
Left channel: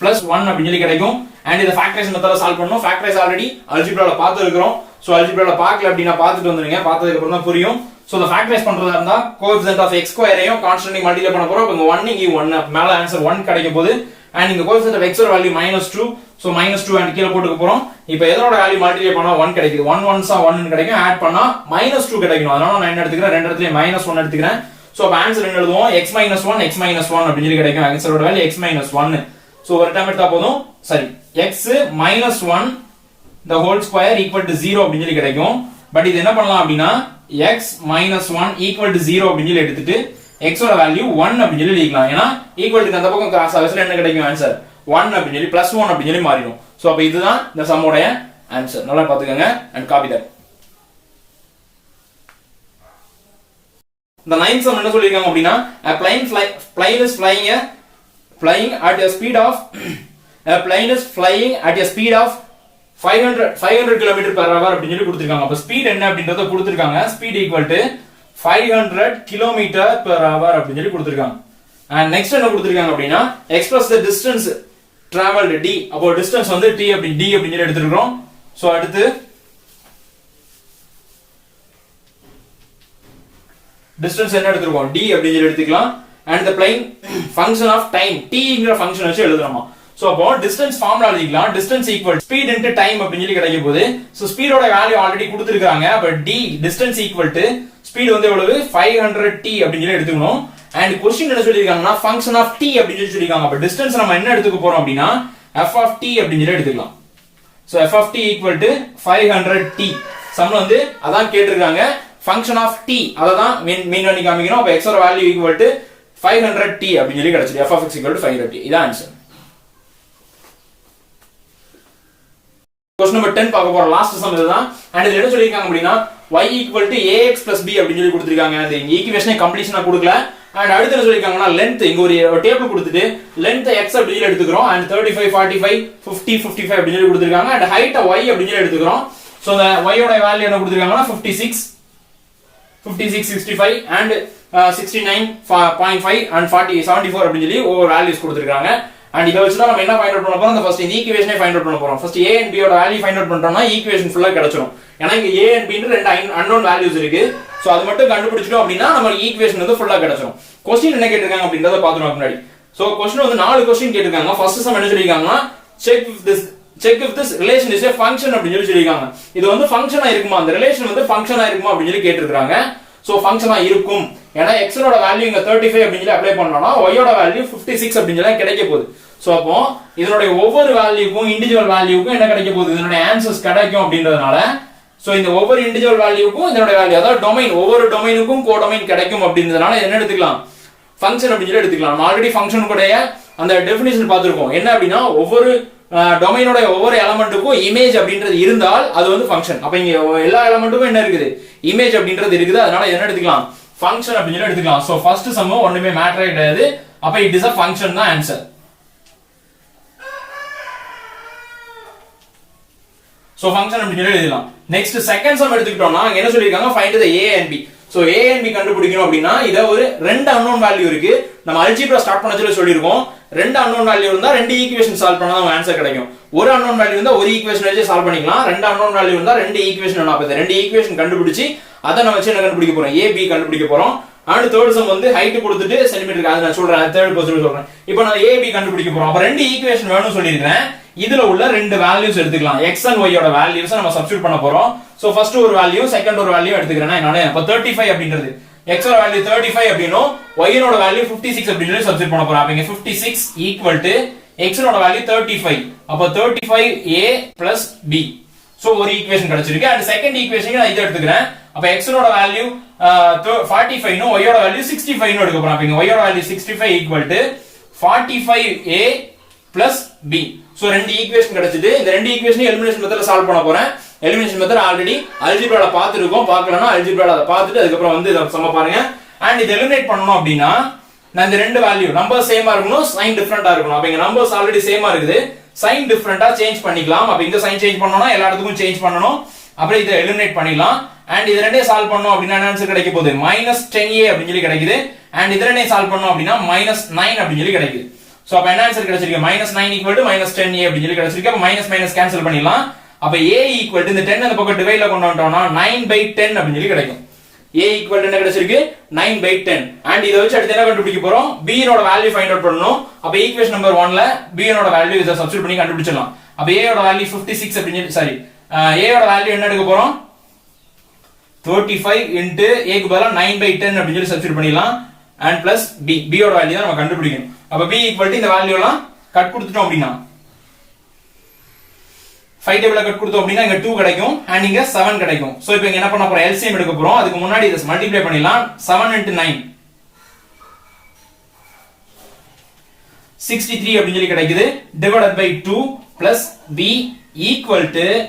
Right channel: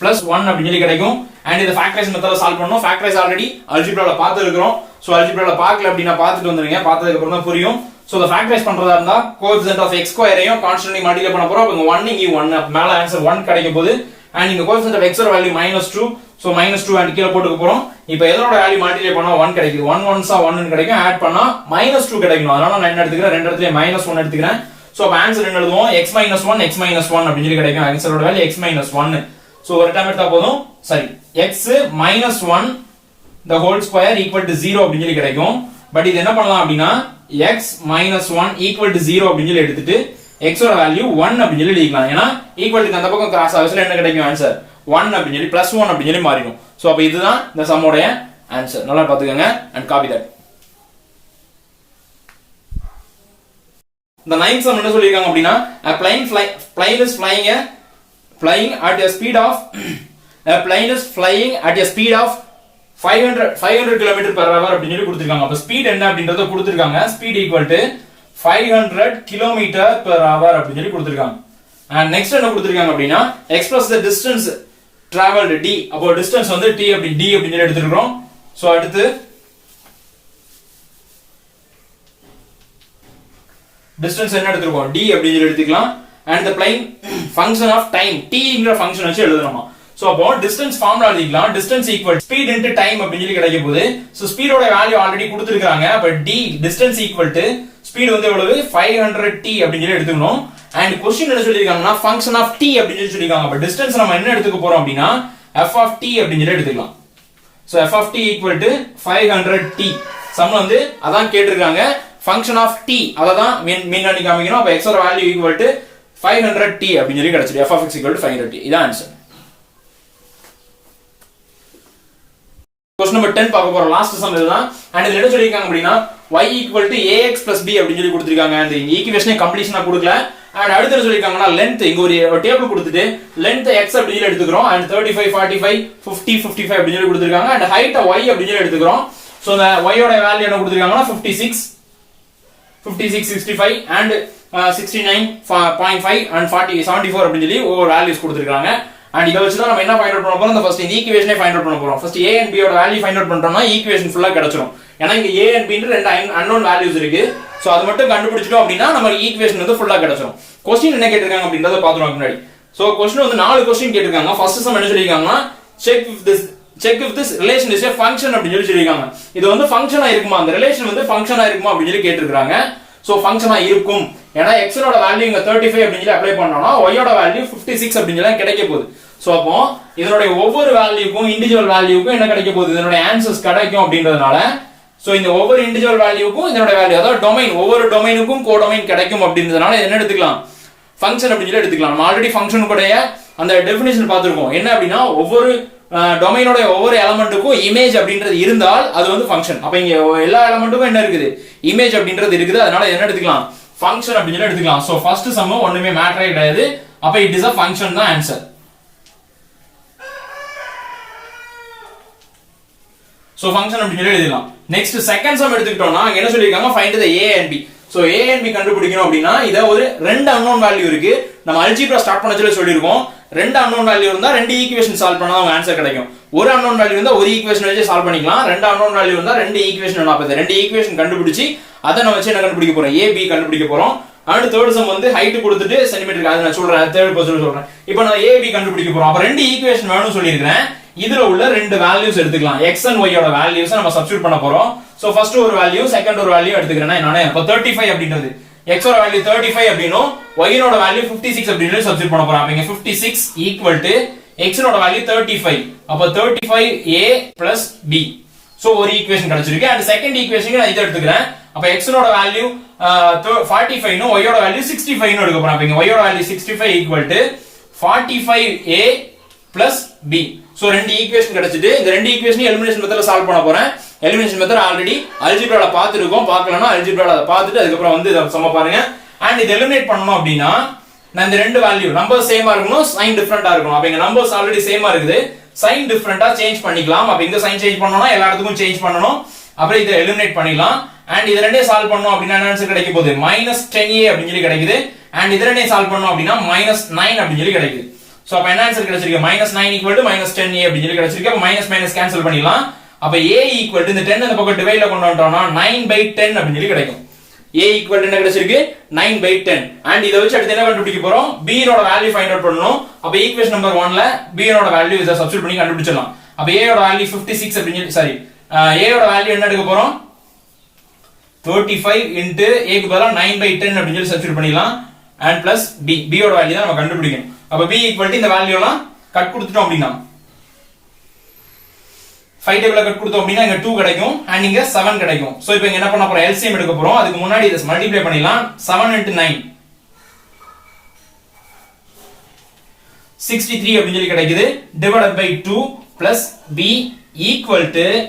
plus 1 அப்படின்னு சொல்லி கிடைக்கும். அண்ட் இத ஃபேக்டரைஸ் மெத்தட்ல சால்வ் பண்ணனும். ஃபேக்டரைஸ் ஆல்ரெடி அல்ஜிப்ரால பார்த்து இருக்கோம். சோ அல்ஜிப்ரால பார்க்கல அப்படினா பார்த்துட்டு வந்துருங்க, பார்த்ததுக்கு அப்புறம் தான் புரியும். சோ இத ஃபேக்டரைஸ் பண்றதா இருந்தா கோஎஃபிஷியன்ட் ஆஃப் x ஸ்கொயரையும் கான்ஸ்டன்ட்டையும் மல்டிப்ளை பண்ண போறோம். அப்ப 1 இங்க 1 மேல ஆன்சர் 1 கிடைக்க போகுது. அண்ட் இந்த கோஎஃபிஷியன்ட் ஆஃப் x ஓட வேல்யூ -2, சோ -2 அண்ட் கீழ போட்டுக்க போறோம். இப்போ எதனோட வேல்யூ மல்டிப்ளை பண்ணா 1 கிடைக்குது. 1 1s 1 ன்னு கிடைக்கும். ஆட் பண்ணா -2 கிடைக்கும். அதனால நான் என்ன எடுத்துக்கிறேன், ரெண்டு இடத்துலயே -1 எடுத்துக்கிறேன். சோ அப்ப ஆன்சர் என்ன எழுதுவோம், x - 1 x - 1 அப்படி சொல்லி கிடைக்கும். ஆன்சரோட வேல்யூ x - 1. சோ ஒரு டைம் எடுத்தா போதும். சரி, x - 1 the whole square equal to 0 அப்படி சொல்லி கிடைக்கும். பட் இது என்ன பண்ணலாம் அப்படினா x - 1 equal to 0 அப்படி சொல்லி எடுத்துட்டு x ஓட வேல்யூ 1 அப்படி சொல்லி எழுதிக்கலாம். ஏனா ஈக்குவல் டு அந்த பக்கம் கிராஸ் ஆகுதுல என்ன கிடைக்கும், ஆன்சர் 1 அப்படி சொல்லி +1 அப்படி சொல்லி மாறிடும். சோ அப்ப இதுதான் இந்த சம்மோட ஆன்சர். நல்லா பாத்துக்கங்க and copy that. The ninth sum என்ன சொல்லிருக்காங்க அப்படினா a plane is flying at a speed of a plane is flying at a speed of 500 km per hour அப்படி சொல்லி கொடுத்திருக்காங்க. அப்ப ஸ்பீட் என்ன அப்படின்றத கொடுத்திருக்காங்க. Speed equal to 500 km per hour அப்படி சொல்லி கொடுத்திருக்காங்க. and next என்ன கொடுத்திருக்காங்க அப்படினா express the distance traveled d. அப்போ distance வந்து t அப்படி d அப்படி சொல்லி எடுத்துக்கிறோம். சோ அடுத்து distance என்ன எடுத்துறோம், d அப்படி சொல்லி எடுத்துக்கலாம். and the plane function of time, t ங்கற ஃபங்க்ஷன் வச்சு எழுதுறோமா. சோ அப்போ distance ஃபார்முலா எழுதிக்கலாம். distance equal speed into time அப்படி சொல்லி கிடைக்க போகுது. சோ ஸ்பீடோட வேல்யூ ஆல்ரெடி கொடுத்திருக்காங்க. அப்ப d distance equal to speed வந்து எவ்வளவு 500t அப்படி சொல்லி எடுத்துக்கணும். and क्वेश्चन என்ன சொல்லிருக்காங்கன்னா function of t அப்படி சொல்லி சொல்லிருக்காங்க. அப்ப distance நம்ம என்ன எடுத்துக்க போறோம் அப்படினா f of t அப்படி சொல்லி எடுத்துக்கலாம். So f of t equal to 500t. சம்ல வந்து அதான் கேட்டிருக்காங்க. function of t அததான் மீன் பண்ணி காமிக்கணும். அப்ப x ஓட வேல்யூ equal to 500t அப்படி சொல்லி கிடைச்சிருக்கு. f of x equal to 500t. இதான் ஆன்சர். क्वेश्चन नंबर 10 பார்க்க போறோம். லாஸ்ட் சம் இதுதான். and இதுல என்ன சொல்லிருக்காங்க அப்படினா y equal to ax plus b அப்படி சொல்லி கொடுத்திருக்காங்க. அந்த ஈக்குவேஷனை கம்ப்ளீஷனா கொடுக்கல. and அடுத்து என்ன சொல்லிருக்காங்கன்னா லெந்த் இங்க ஒரு டேபிள் கொடுத்துட்டு லெந்த் x அப்படி சொல்லி எடுத்துக்கிறோம். and 35 45 50 55 அப்படி சொல்லி கொடுத்திருக்காங்க. and height y அப்படி சொல்லி எடுத்துக்கிறோம். சோ அந்த y ஓட வேல்யூ என்ன கொடுத்திருக்காங்கன்னா 56 65 and 69.5 and 40 74 அப்படி சொல்லி ஒவ்வொரு வேல்யூஸ் கொடுத்திருக்காங்க. and இத வச்சு தான் நம்ம என்ன ஃபைண்ட் அவுட் பண்ண போறோம், அந்த ஃபர்ஸ்ட் இந்த ஈக்குவேஷனை ஃபைண்ட் அவுட் பண்ண போறோம். ஃபர்ஸ்ட் a and b ஓட வேல்யூ ஃபைண்ட் அவுட் பண்ணிட்டோம்னா ஈக்குவேஷன் ஃபுல்லா கிடைச்சிரும். ஏன்னா இங்க a and b ன்ற ரெண்டு அன்னோன் வேல்யூஸ் இருக்கு. சோ அது மட்டும் கண்டுபிடிச்சிட்டோம் அப்படினா நமக்கு ஈக்குவேஷன் வந்து ஃபுல்லா கிடைச்சிரும். क्वेश्चन என்ன கேட்டிருக்காங்க அப்படின்றத பாத்துறோம் முன்னாடி. சோ क्वेश्चन வந்து 4 क्वेश्चन கேட்டிருக்காங்க. ஃபர்ஸ்ட் சம் என்ன சொல்லிருக்காங்கன்னா check if this relation is a function அப்படின்னு சொல்லி சொல்லிருக்காங்க. இது வந்து ஃபங்க்ஷனா இருக்குமா, அந்த ரிலேஷன் வந்து ஃபங்க்ஷனா இருக்குமா அப்படின்னு சொல்லி கேட்டிருக்காங்க. சோ ஃபங்க்ஷனா இருக்கும். ஏன்னா x ஓட வேல்யூ இங்க 35 அப்படின்னு சொல்லி அப்ளை பண்ணோம்னா y ஓட வேல்யூ 56 அப்படின்னு சொல்லி கிடைக்க போகுது. சோ அப்போ இதனுடைய ஒவ்வொரு வேல்யூக்கும் இண்டிவிஜுவல் வேல்யூக்கும் என்ன கிடைக்க போகுது, இதனுடைய ஆன்சர்ஸ் கிடைக்கும் அப்படின்றதுனால சோ இந்த ஒவ்வொரு இண்டிவிஜுவல் வேல்யூக்கும் இதனுடைய வேல்யூ, அதாவது டொமைன், ஒவ்வொரு டொமைனுக்கும் கோடொமைன் கிடைக்கும் அப்படின்றதுனால என்ன எடுத்துக்கலாம், ஃபங்க்ஷன் அப்படின்னு சொல்லி எடுத்துக்கலாம். நம்ம ஆல்ரெடி ஃபங்க்ஷனுடைய அந்த டெஃபினிஷன் பார்த்திருக்கோம். என்ன அப்படின்னா ஒவ்வொரு டொமைனோட ஒவ்வொரு எலமெண்ட்டுக்கும் இமேஜ் அப்படின்றது இருந்தால் அது வந்து ஃபங்க்ஷன். அப்ப இங்க எல்லா எலமெண்ட்டுக்கும் என்ன இருக்குது, இமேஜ் அப்படின்றது இருக்குது. அதனால என்ன எடுத்துக்கலாம், ஃபங்க்ஷன் அப்படின்னு சொல்லி எடுத்துக்கலாம். சோ ஃபர்ஸ்ட் சம் ஒண்ணுமே மேட்டரே கிடையாது. அப்ப இட் இஸ் a function தான் ஆன்சர். சோ ஃபங்க்ஷன் அப்படின்னு சொல்லி எழுதலாம். நெக்ஸ்ட் செகண்ட் சம் எடுத்துக்கிட்டோம்னா அங்க என்ன சொல்லிருக்காங்க, find the a and b. So a and b கண்டுபிடிக்கணும் அப்படின்னா இத ஒரு ரெண்டு அன்னோன் வேல்யூ இருக்கு. நம்ம அல்ஜிப்ரா ஸ்டார்ட் பண்ணச்சல சொல்லிருக்கோம், ரெண்டு அன்னோன் வேல்யூ இருந்தா ரெண்டு ஈக்குவேஷன் சால்வ் பண்ணா நமக்கு ஆன்சர் கிடைக்கும். ஒரு அன்னோன் வேல்யூ இருந்தா ஒரு ஈக்குவேஷன் வச்சு சால்வ் பண்ணிக்கலாம். ரெண்டு அன்னோன் வேல்யூ இருந்தா ரெண்டு ஈக்குவேஷன் வேணும். அப்ப ரெண்டு ஈக்குவேஷன் கண்டுபிடிச்சு அதை நம்ம வச்சு என்ன கண்டுபிடிக்க போறோம், a b கண்டுபிடிக்க போறோம். அடுத்து தேர்ட் சம் வந்து ஹைட் கொடுத்துட்டு சென்டிமீட்டருக்கு, அது நான் சொல்றேன், தேர்ட் பர்சன் சொல்றேன். இப்போ நான் a b கண்டுபிடிக்க போறோம். அப்ப ரெண்டு ஈக்குவேஷன் வேணும்னு சொல்லியிருக்கேன். இதுல உள்ள ரெண்டு வேல்யூஸ் எடுத்துக்கலாம். x and y ஓட வேல்யூஸ் நம்ம சப்ஸ்டிட்யூட் பண்ண போறோம். சோ ஃபர்ஸ்ட் ஒரு வேல்யூ செகண்ட் ஒரு வேல்யூ எடுத்துக்கிறேன் நானே. அப்ப 35 அப்படின்றது x ஓட வேல்யூ 35 அப்படினும் y ஓட வேல்யூ 56 அப்படினு சப்ஸ்டிட்யூட் பண்ண போறோம். அப்ப இங்க 56 ஈக்குவல் டு x ஓட வேல்யூ 35. அப்ப 35a + b. சோ ஒரு ஈக்குவேஷன் கிடைச்சிருக்கு. அண்ட் செகண்ட் ஈக்குவேஷன் நான் இத எடுத்துக்கிறேன். அப்ப x ஓட வேல்யூ 45 னும் y ஓட வேல்யூ 65 னு எடுக்க போறோம். அப்ப இங்க y ஓட value 65 equal to 45a + b. So ரெண்டு ஈக்குவேஷன் கிடைச்சிட்டு இந்த ரெண்டு ஈக்குவேஷனையும் எலிமினேஷன் மெத்தட்ல சால்வ் பண்ண போறேன். எலிமினேஷன் மெத்தட் ஆல்ரெடி அல்ஜிப்ரால பார்த்திருக்கோம். பார்க்கலனா அல்ஜிப்ரால அதை பார்த்துட்டு அதுக்கு அப்புறம் வந்து இத சம பாருங்க. அண்ட் இது எலிமினேட் பண்ணனும் அப்படினா நான் இந்த ரெண்டு வேல்யூ நம்பர் சேமா இருக்கணும், சைன் டிஃபரண்டா இருக்கணும். அப்ப இங்க நம்பர்ஸ் ஆல்ரெடி சேமா இருக்குது, சைன் டிஃபரண்டா சேஞ்ச் பண்ணிக்கலாம். அப்ப இந்த சைன் சேஞ்ச் பண்ணனும்னா எல்லா இடத்துக்கும் சேஞ்ச் பண்ணனும். அப்புறம் இத எலிமினேட் பண்ணிடலாம். அண்ட் இது ரெண்டையும் சால்வ் பண்ணனும் அப்படினா ஆன்சர் கிடைக்க போகுது -10a அப்படினு சொல்லி கிடைக்குது. அண்ட் இது ரெண்டையும் சால்வ் பண்ணனும் அப்படினா -9 அப்படினு சொல்லி கிடைக்குது. சோ அப்ப என்ன ஆன்சர் கிடைச்சிருக்கு, -9 = -10a அப்படி சொல்லி கிடைச்சிருக்கு. அப்ப மைனஸ் மைனஸ் கேன்சல் பண்ணிடலாம். அப்ப a = இந்த 10 அந்த பக்கம் டிவைட்ல கொண்டு வந்துட்டோம்னா 9/10 அப்படி சொல்லி கிடைக்கும். a = என்ன கிடைச்சிருக்கு, 9/10. அண்ட் இத வச்சு அடுத்து என்ன கண்டுபிடிக்க போறோம், b யோட வேல்யூ ஃபைண்ட் அவுட் பண்ணனும். அப்ப ஈக்குவேஷன் நம்பர் 1ல b யோட வேல்யூ இத சப்ஸ்டிட்யூட் பண்ணி கண்டுபிடிச்சிடலாம். அப்ப a யோட வேல்யூ 56 அப்படி சாரி a யோட வேல்யூ என்ன எடுக்க போறோம், 35 * a க்கு பதிலா 9/10 அப்படி சொல்லி சப்ஸ்டிட்யூட் பண்ணிடலாம். and plus b யோட வேல்யூ தான் நம்ம கண்டுபிடிக்கணும். அப்ப b = இந்த வேல்யூ எல்லாம் கட் கொடுத்துட்டோம் அப்படினா 5 டேபிள்ல கட் கொடுத்தோம் அப்படினா இங்க 2 கிடைக்கும் and இங்க 7 கிடைக்கும். சோ இப்போ இங்க என்ன பண்ணப் போறோம், LCM எடுக்க போறோம். அதுக்கு முன்னாடி இத மல்டிப்ளை பண்ணிடலாம். 7 * 9 63 அப்படி சொல்லி கிடைக்குது. டிவைடட் பை 2 plus b =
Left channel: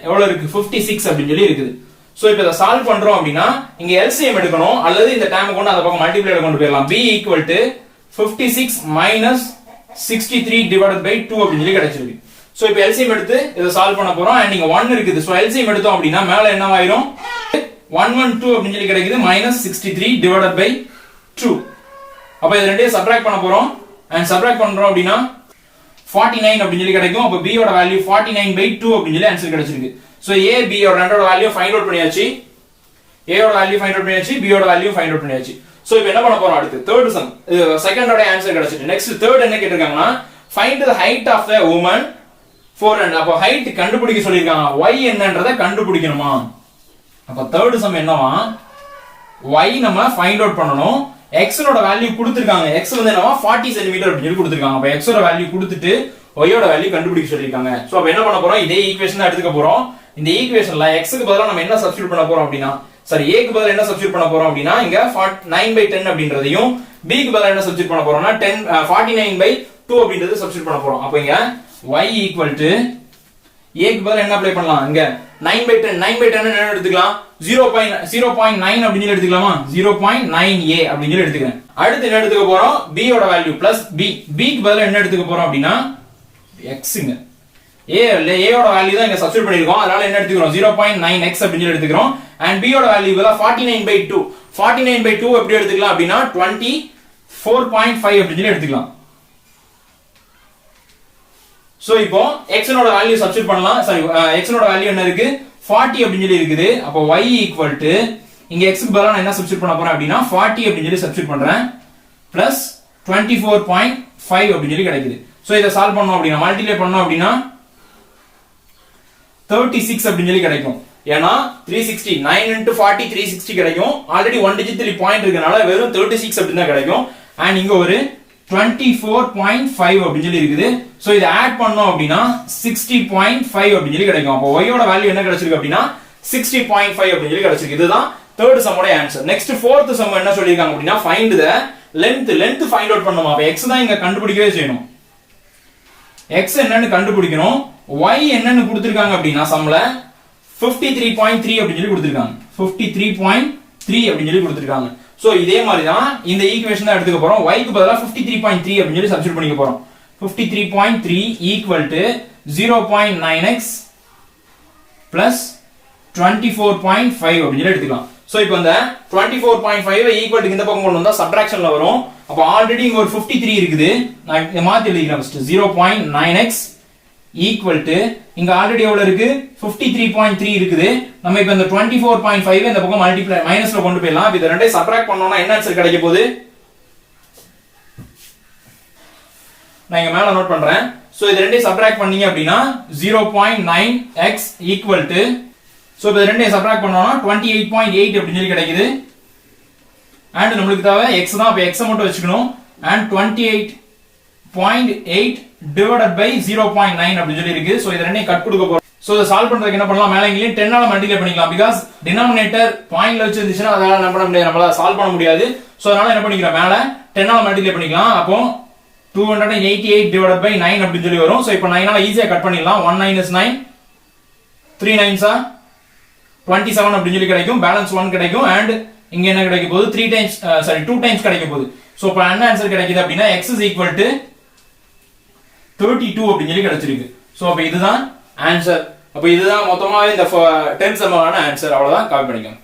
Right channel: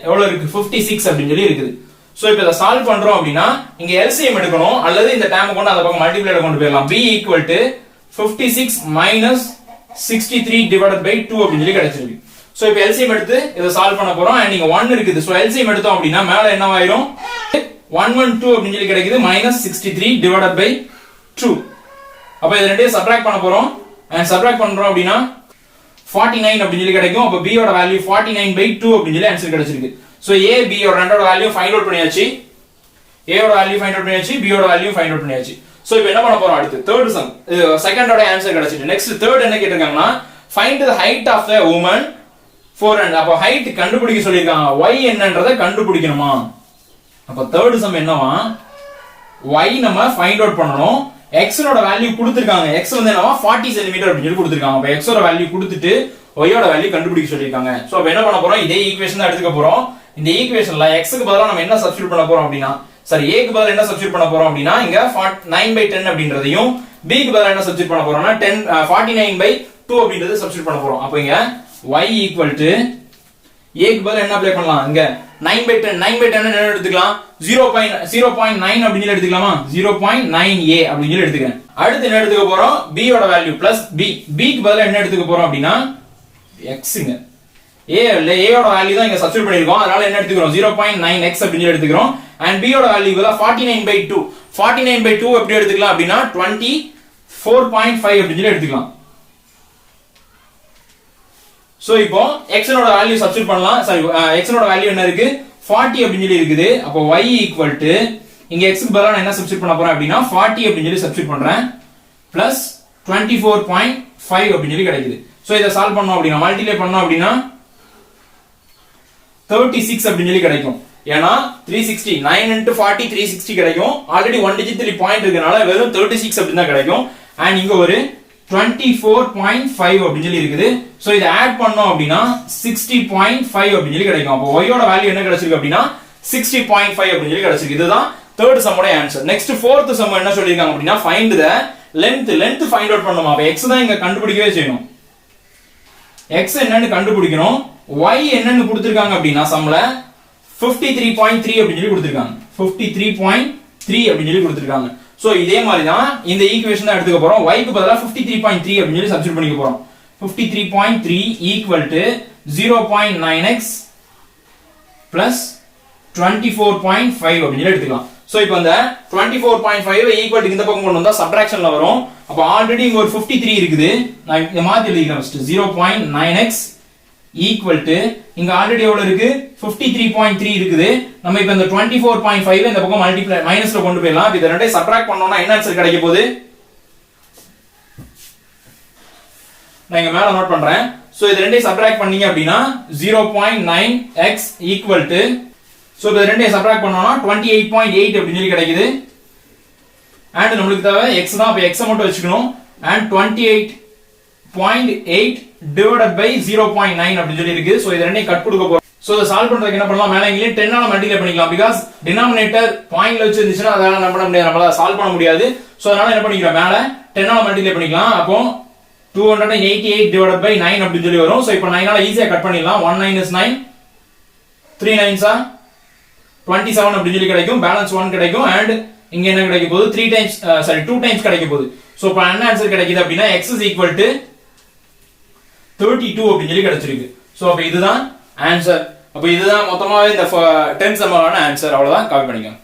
எவ்வளவு இருக்கு, 56 அப்படி சொல்லி இருக்குது. சோ இப்போ இத சால்வ் பண்றோம் அப்படினா இங்க LCM எடுக்கணும், அல்லது இந்த டேர்ம் கொண்டு அந்த பக்கம் மல்டிப்ளைல கொண்டு போயிடலாம். b = 56 - 63 divided by 2 அப்படி சொல்லி கிடைச்சிருக்கு. சோ இப்போ LCM எடுத்து இத சால்வ் பண்ண போறோம். அண்ட் இங்க 1 இருக்குது. சோ LCM எடுத்தோம் அப்படினா மேல என்ன ஆயிரும், 112 அப்படி சொல்லி கிடைக்குது -63 divided by 2. அப்ப இத ரெண்டையும் சப்ட்ராக்ட் பண்ண போறோம். அண்ட் சப்ட்ராக்ட் பண்றோம் அப்படினா 49 அப்படி சொல்லி கிடைக்கும். அப்ப b யோட வேல்யூ 49/2 அப்படி சொல்லி ஆன்சர் கிடைச்சிருக்கு. சோ a b யோட ரெண்டோட வேல்யூ ஃபைண்ட் அவுட் பண்ணியாச்சு. a யோட வேல்யூ ஃபைண்ட் அவுட் பண்ணியாச்சு, b யோட வேல்யூ ஃபைண்ட் அவுட் பண்ணியாச்சு. சோ இப்போ என்ன பண்ண போறோம், அடுத்து தேர்ட் சம் செகண்டோட ஆன்சர் கிடைச்சிட்டு. நெக்ஸ்ட் தேர்ட் என்ன கேட்டிருக்காங்கன்னா, find the height of the woman 4 and அப்ப ஹைட் கண்டுபிடிக்க சொல்லிருக்காங்க. y என்னன்றதை கண்டுபிடிக்கணுமா. அப்ப தேர்ட் சம் என்னவா, y நம்ம ஃபைண்ட் அவுட் பண்ணனும். x ஓட வேல்யூ கொடுத்திருக்காங்க. x வந்து என்னவா 40 cm அப்படி சொல்லி கொடுத்திருக்காங்க. அப்ப x ஓட வேல்யூ கொடுத்துட்டு y ஓட வேல்யூ கண்டுபிடிக்க சொல்லிருக்காங்க. சோ அப்ப என்ன பண்ண போறோம், இதே ஈக்குவேஷன் தான் எடுத்துக்க போறோம். இந்த ஈக்குவேஷன்ல x க்கு பதிலா நம்ம என்ன சப்ஸ்டிட்யூட் பண்ண போறோம் அப்படினா, சரி a க்கு பதிலா என்ன சப்ஸ்டிட்யூட் பண்ண போறோம் அப்படினா இங்க 9/10 அப்படின்றதையும் b க்கு பதிலா என்ன சப்ஸ்டிட்யூட் பண்ண போறோம்னா 49/2 அப்படின்றதை சப்ஸ்டிட்யூட் பண்ண போறோம். அப்ப இங்க y = a க்கு பதிலா என்ன அப்ளை பண்ணலாம், இங்க 9/10 என்ன எடுத்துக்கலாம், 0.9 அப்படி சொல்லி எடுத்துக்கலாமா, 0.9a அப்படி சொல்லி எடுத்துக்கிறேன். அடுத்து என்ன எடுத்துக்க போறோம், b யோட வேல்யூ பிளஸ் b க்கு பதிலா என்ன எடுத்துக்க போறோம் அப்படினா x ங்க a யோட வேல்யூ தான் இங்க சப்ஸ்டிட்யூட் பண்ணிருக்கோம். அதனால என்ன எடுத்துக்கிறோம், 0.9x அப்படி சொல்லி எடுத்துக்கிறோம். and b யோட வேல்யூ பதிலா 49/2 எப்படி எடுத்துக்கலாம் அப்படினா 24.5 அப்படி சொல்லி எடுத்துக்கலாம். சோ இப்போ x ஓட வேல்யூ சப்ஸ்டிட்யூட் பண்ணலாம். சாரி x ஓட வேல்யூ என்ன இருக்கு, 40 அப்படி சொல்லி இருக்குது. அப்ப y = இங்க x க்கு பதிலா நான் என்ன சப்ஸ்டிட்யூட் பண்ண போறேன் அப்படினா 40 அப்படி சொல்லி சப்ஸ்டிட்யூட் பண்றேன் பிளஸ் 24.5 அப்படி சொல்லி கிடைக்குது. சோ இத சால்வ் பண்ணோம் அப்படினா மல்டிப்ளை பண்ணோம் அப்படினா 36 அப்படின்னு சொல்லி கிடைக்கும். ஏன்னா 360 9 into 40 360 கிடைக்கும். ஆல்ரெடி 1 digit 3 பாயிண்ட் இருக்கனால வெறும் 36 அப்படின்னு தான் கிடைக்கும். அண்ட் இங்க ஒரு 24.5 அப்படின்னு சொல்லி இருக்குது. சோ இதை ஆட் பண்ணோம் அப்படின்னா 60.5 அப்படின்னு சொல்லி கிடைக்கும். அப்போ y ஓட வேல்யூ என்ன கிடைச்சிருக்கு அப்படின்னா 60.5 அப்படின்னு சொல்லி கிடைச்சிருக்கு. இதுதான் தேர்ட் சம்மோட ஆன்சர். நெக்ஸ்ட் ஃபோர்த் சம் என்ன சொல்லிருக்காங்க அப்படின்னா find the length find out பண்ணனுமா. அப்ப x தான் இங்க கண்டுபிடிக்கவே செய்யணும். x என்னன்னு கண்டுபிடிக்கணும். y என்னன்னு கொடுத்திருக்காங்க அப்படின்னா சம்ல 53.3 அப்படின்னு சொல்லி கொடுத்திருக்காங்க. 53.3 அப்படின்னு சொல்லி கொடுத்திருக்காங்க. சோ இதே மாதிரி தான் இந்த ஈக்குவேஷன் தான் எடுத்துக்க போறோம். y க்கு பதிலா 53.3 அப்படின்னு சொல்லி சப்ஸ்டிட்யூட் பண்ணிக்க போறோம். 53.3 equal to 0.9x plus 24.5 அப்படின்னு சொல்லி எடுத்துக்கலாம். சோ இப்போ இந்த 24.5 ஈக்குவல் டு இந்த பக்கம் கொண்டு வந்தா சப்ட்ராக்ஷன்ல வரும். அப்ப ஆல்ரெடி இங்க ஒரு 53 இருக்குது. நான் இத மாத்தி எழுதிக்கிறேன் ஃபர்ஸ்ட். 0.9x ஈக்குவல் டு இங்க ஆல்ரெடி எவ்வளவு இருக்கு 53.3 இருக்குது. நம்ம இப்ப இந்த 24.5 இந்த பக்கம் மல்டிப்ளை மைனஸ்ல கொண்டு போயிடலாம். இத ரெண்டையும் சப்ட்ராக்ட் பண்ணோம்னா என்ன ஆன்சர் கிடைக்க போகுது நான் இங்க மேல நோட் பண்றேன். சோ இது ரெண்டையும் சப்ட்ராக்ட் பண்ணீங்க அப்படின்னா 0.9x ஈக்குவல் டு சோ இது ரெண்டையும் சப்ட்ராக்ட் பண்ணோம்னா 28.8 அப்படின்னு சொல்லி கிடைக்குது. அண்ட் நம்மளுக்கு தேவை x தான். அப்ப x மட்டும் வச்சுக்கணும். அண்ட் 28.8 divided by 0.9 அப்படி சொல்லி இருக்கு. சோ இது ரெண்டையும் கட் கொடுக்க போறோம். சோ இத சால்வ் பண்றதுக்கு என்ன பண்ணலாம், மேல இங்கேயே 10 ஆல மல்டிப்ளை பண்ணிக்கலாம். பிகாஸ் டினாமினேட்டர் பாயிண்ட்ல வச்சு இருந்துச்சுனா அதனால என்ன பண்ண முடியாது, நம்மளால சால்வ் பண்ண முடியாது. சோ அதனால என்ன பண்ணிக்கலாம், மேல 10 ஆல மல்டிப்ளை பண்ணிக்கலாம். அப்போ 288 divided by 9 அப்படி சொல்லி வரும். சோ இப்போ 9 ஆல ஈஸியா கட் பண்ணிடலாம். 1 9 is 9, 3 9s are 27 அப்படி சொல்லி கிடைக்கும். பேலன்ஸ் 1 கிடைக்கும். அண்ட் இங்க என்ன கிடைக்க போகுது 2 டைம்ஸ் கிடைக்க போகுது. சோ இப்போ என்ன ஆன்சர் கிடைக்குது அப்படின்னா x is equal to 32 அப்படின்னு சொல்லி கிடைச்சிருக்கு. சோ அப்ப இதுதான் ஆன்சர். அப்ப இதுதான் மொத்தமாவே இந்த 10 சம்மான ஆன்சர். அவ்வளவுதான், காப்பி பண்ணிக்கோங்க.